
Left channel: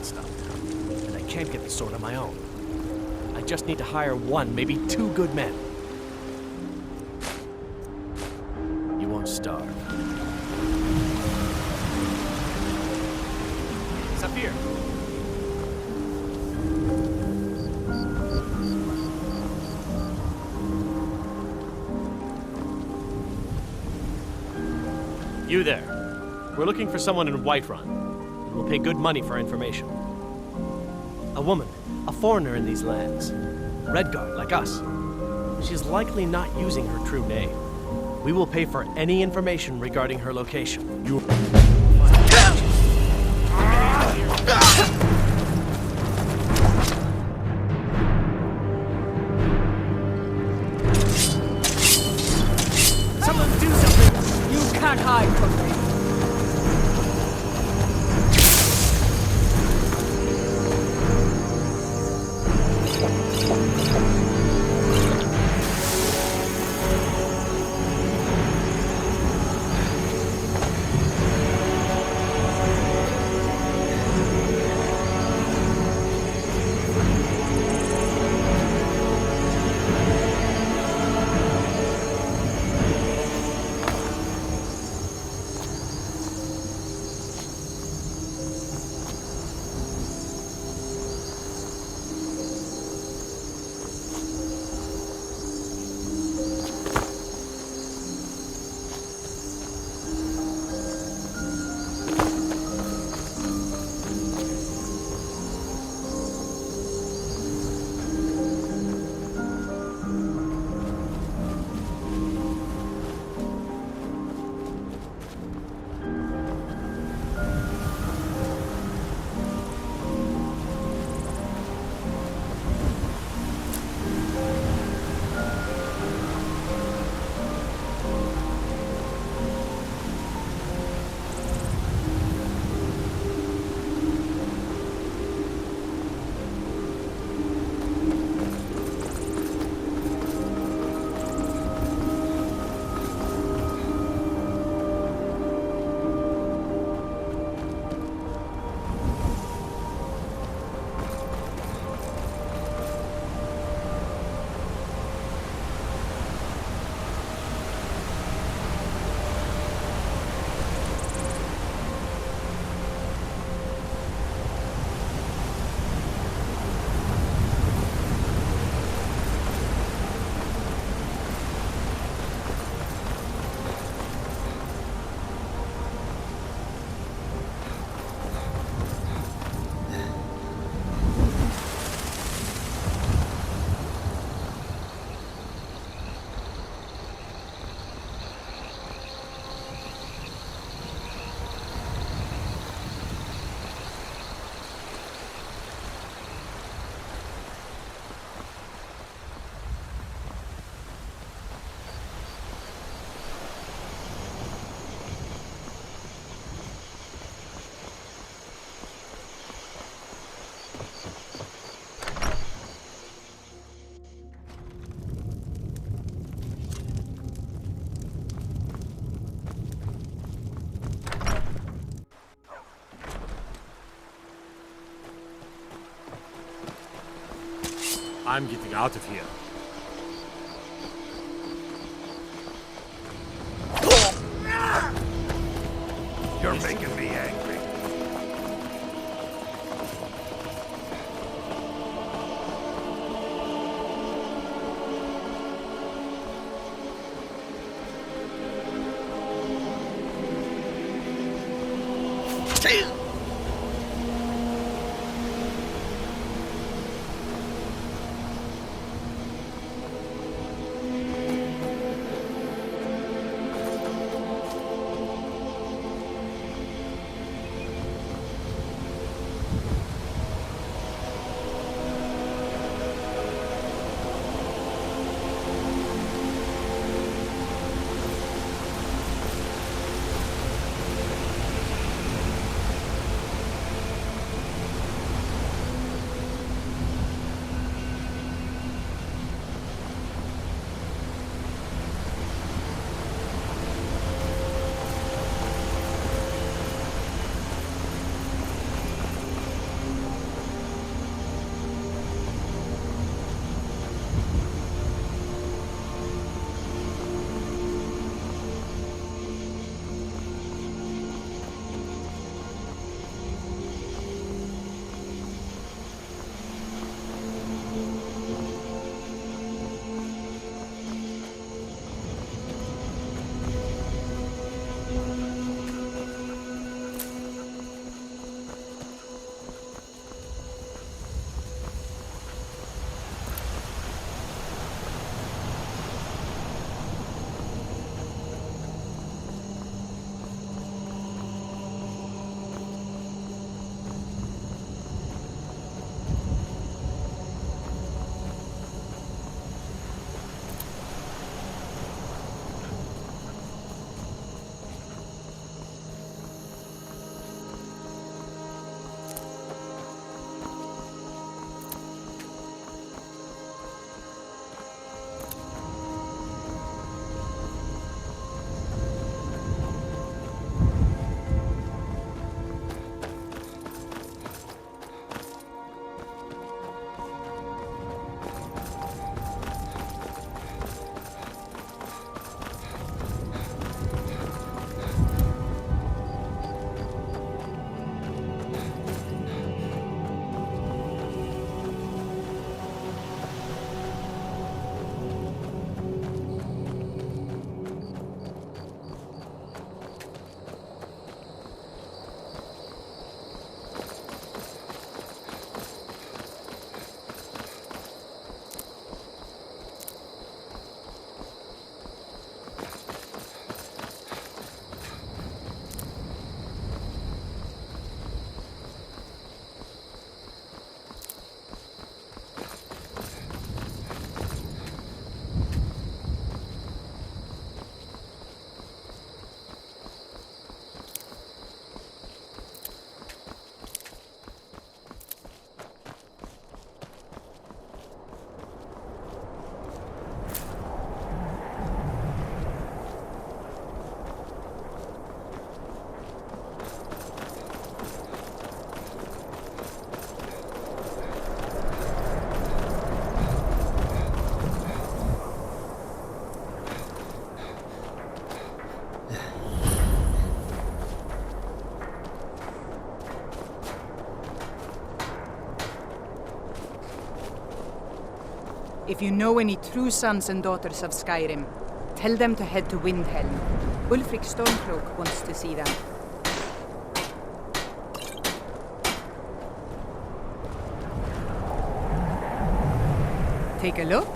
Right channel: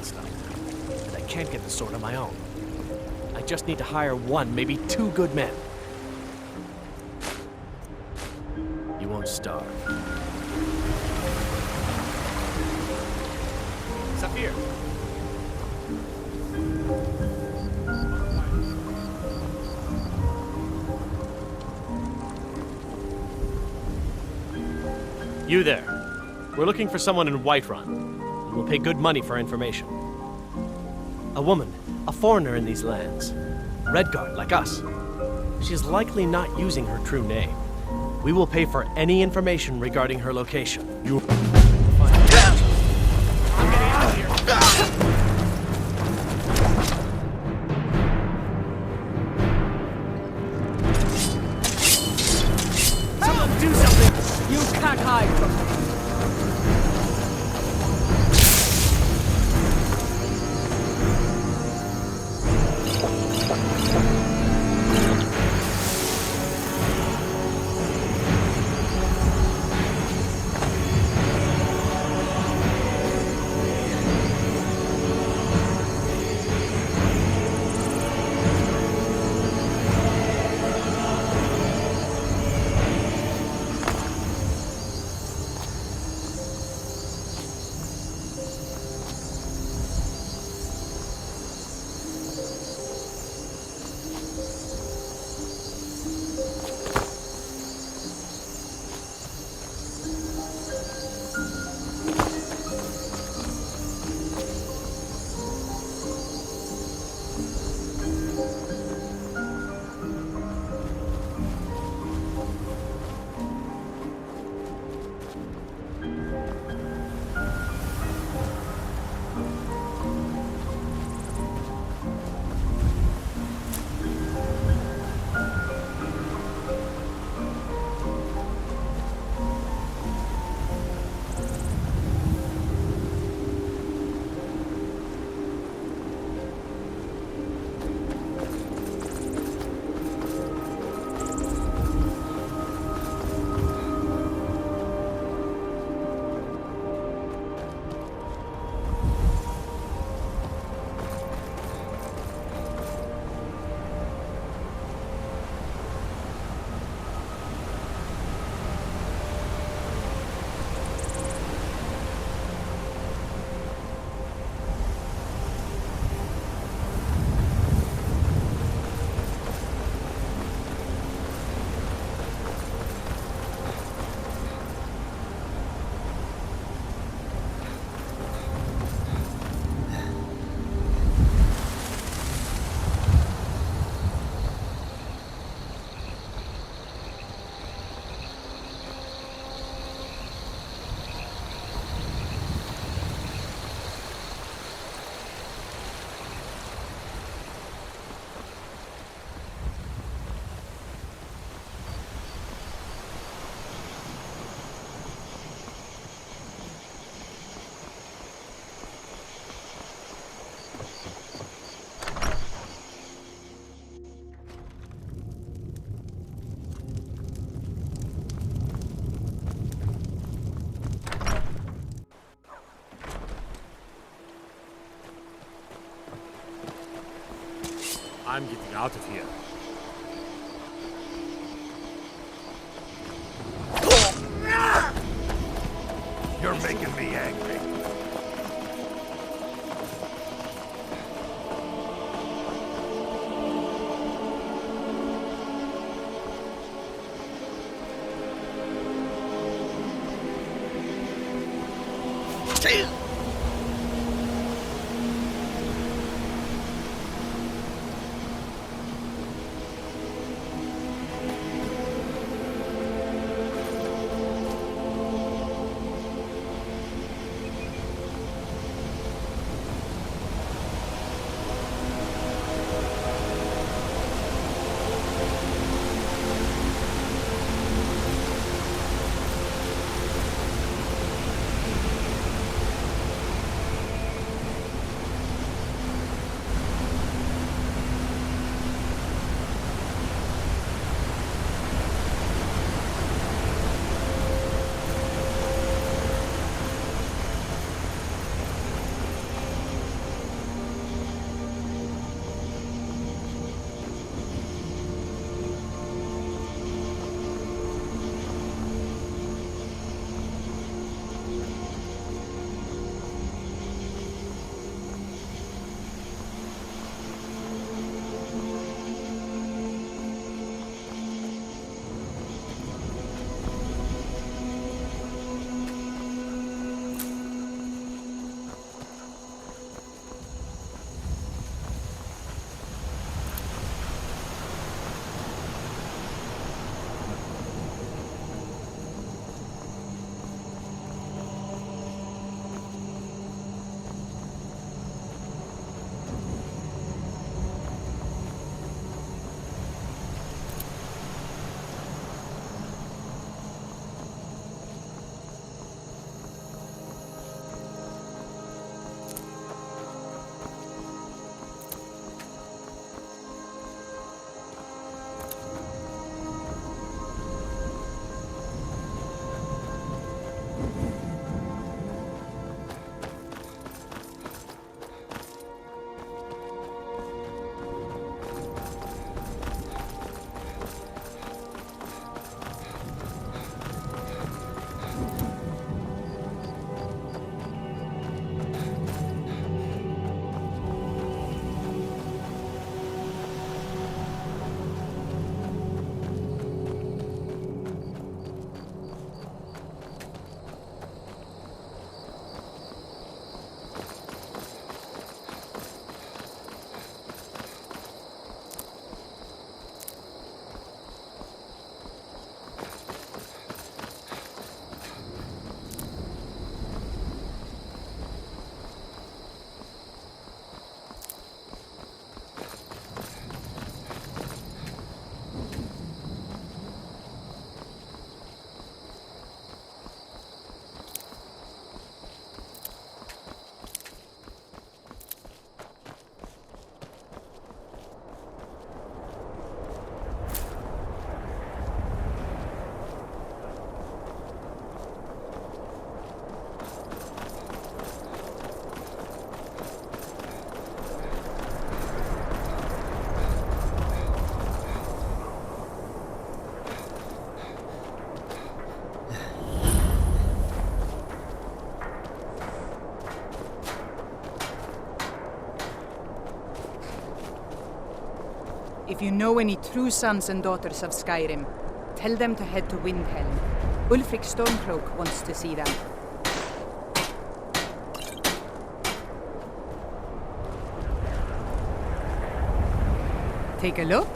stuff now, and I can't get the sword on my own. I just need to hire one, maybe two good men. You won't starve. Zafir! You there. We're looking for someone in Whiterun, and we'll pay good money for information. A woman, a foreigner in these lands. Redguard, like us. She's likely not using her true name. We will pay for any information regarding her location. You... Someone do something! You can't hide from me! I'm getting out of here. You're making me angry. If you know any true sons and daughters of Skyrim, tell them to head to Windhelm. Ulfric Stormcloak wants to see them. Take a look.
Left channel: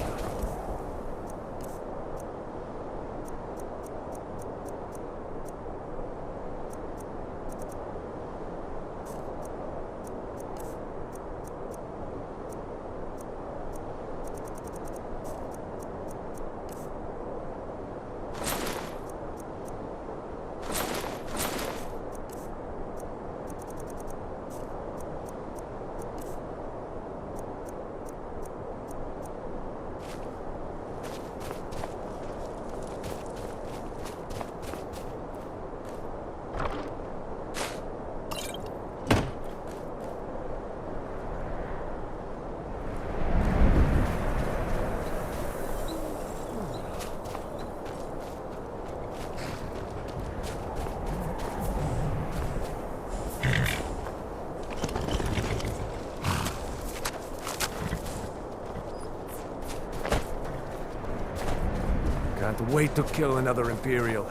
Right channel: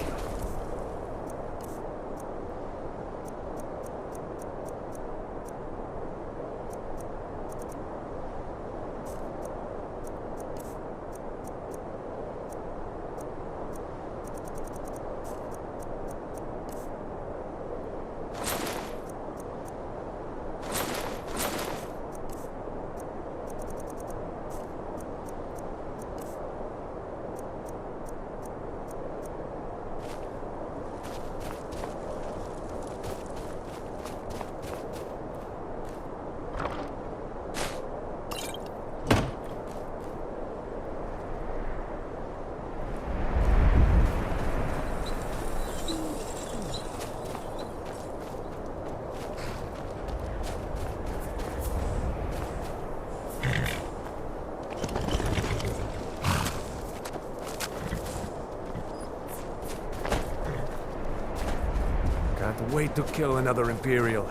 Can't wait to kill another Imperial.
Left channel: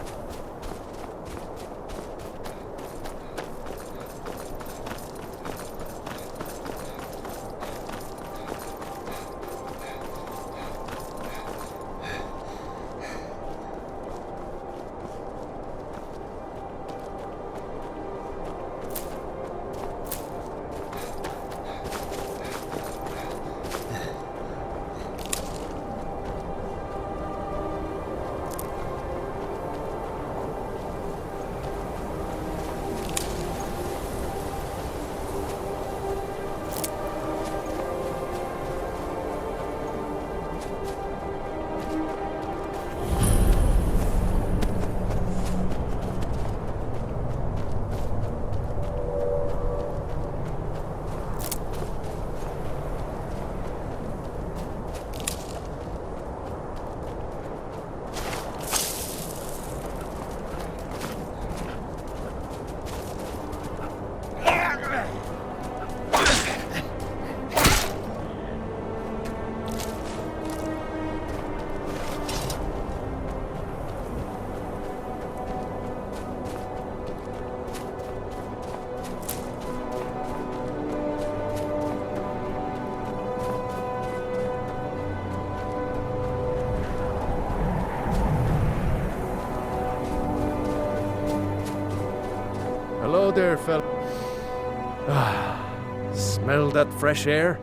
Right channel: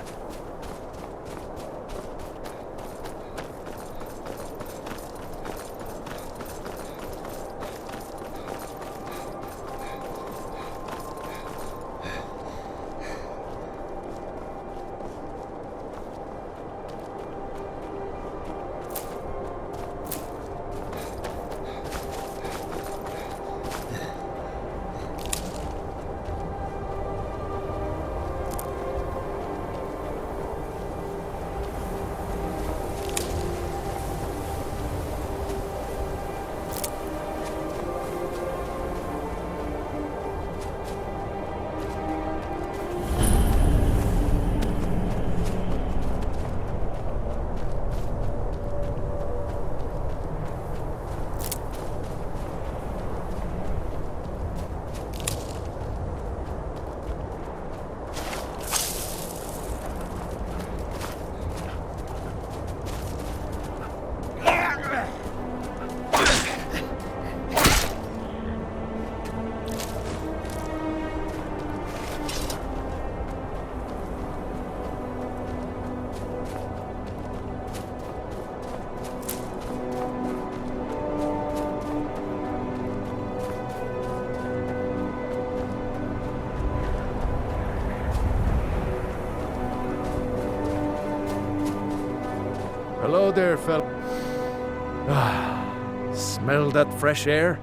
Hello there, fella. Smell that fresh air?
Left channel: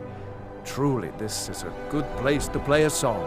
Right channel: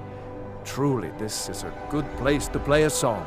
Truly, this is a good place to play a song.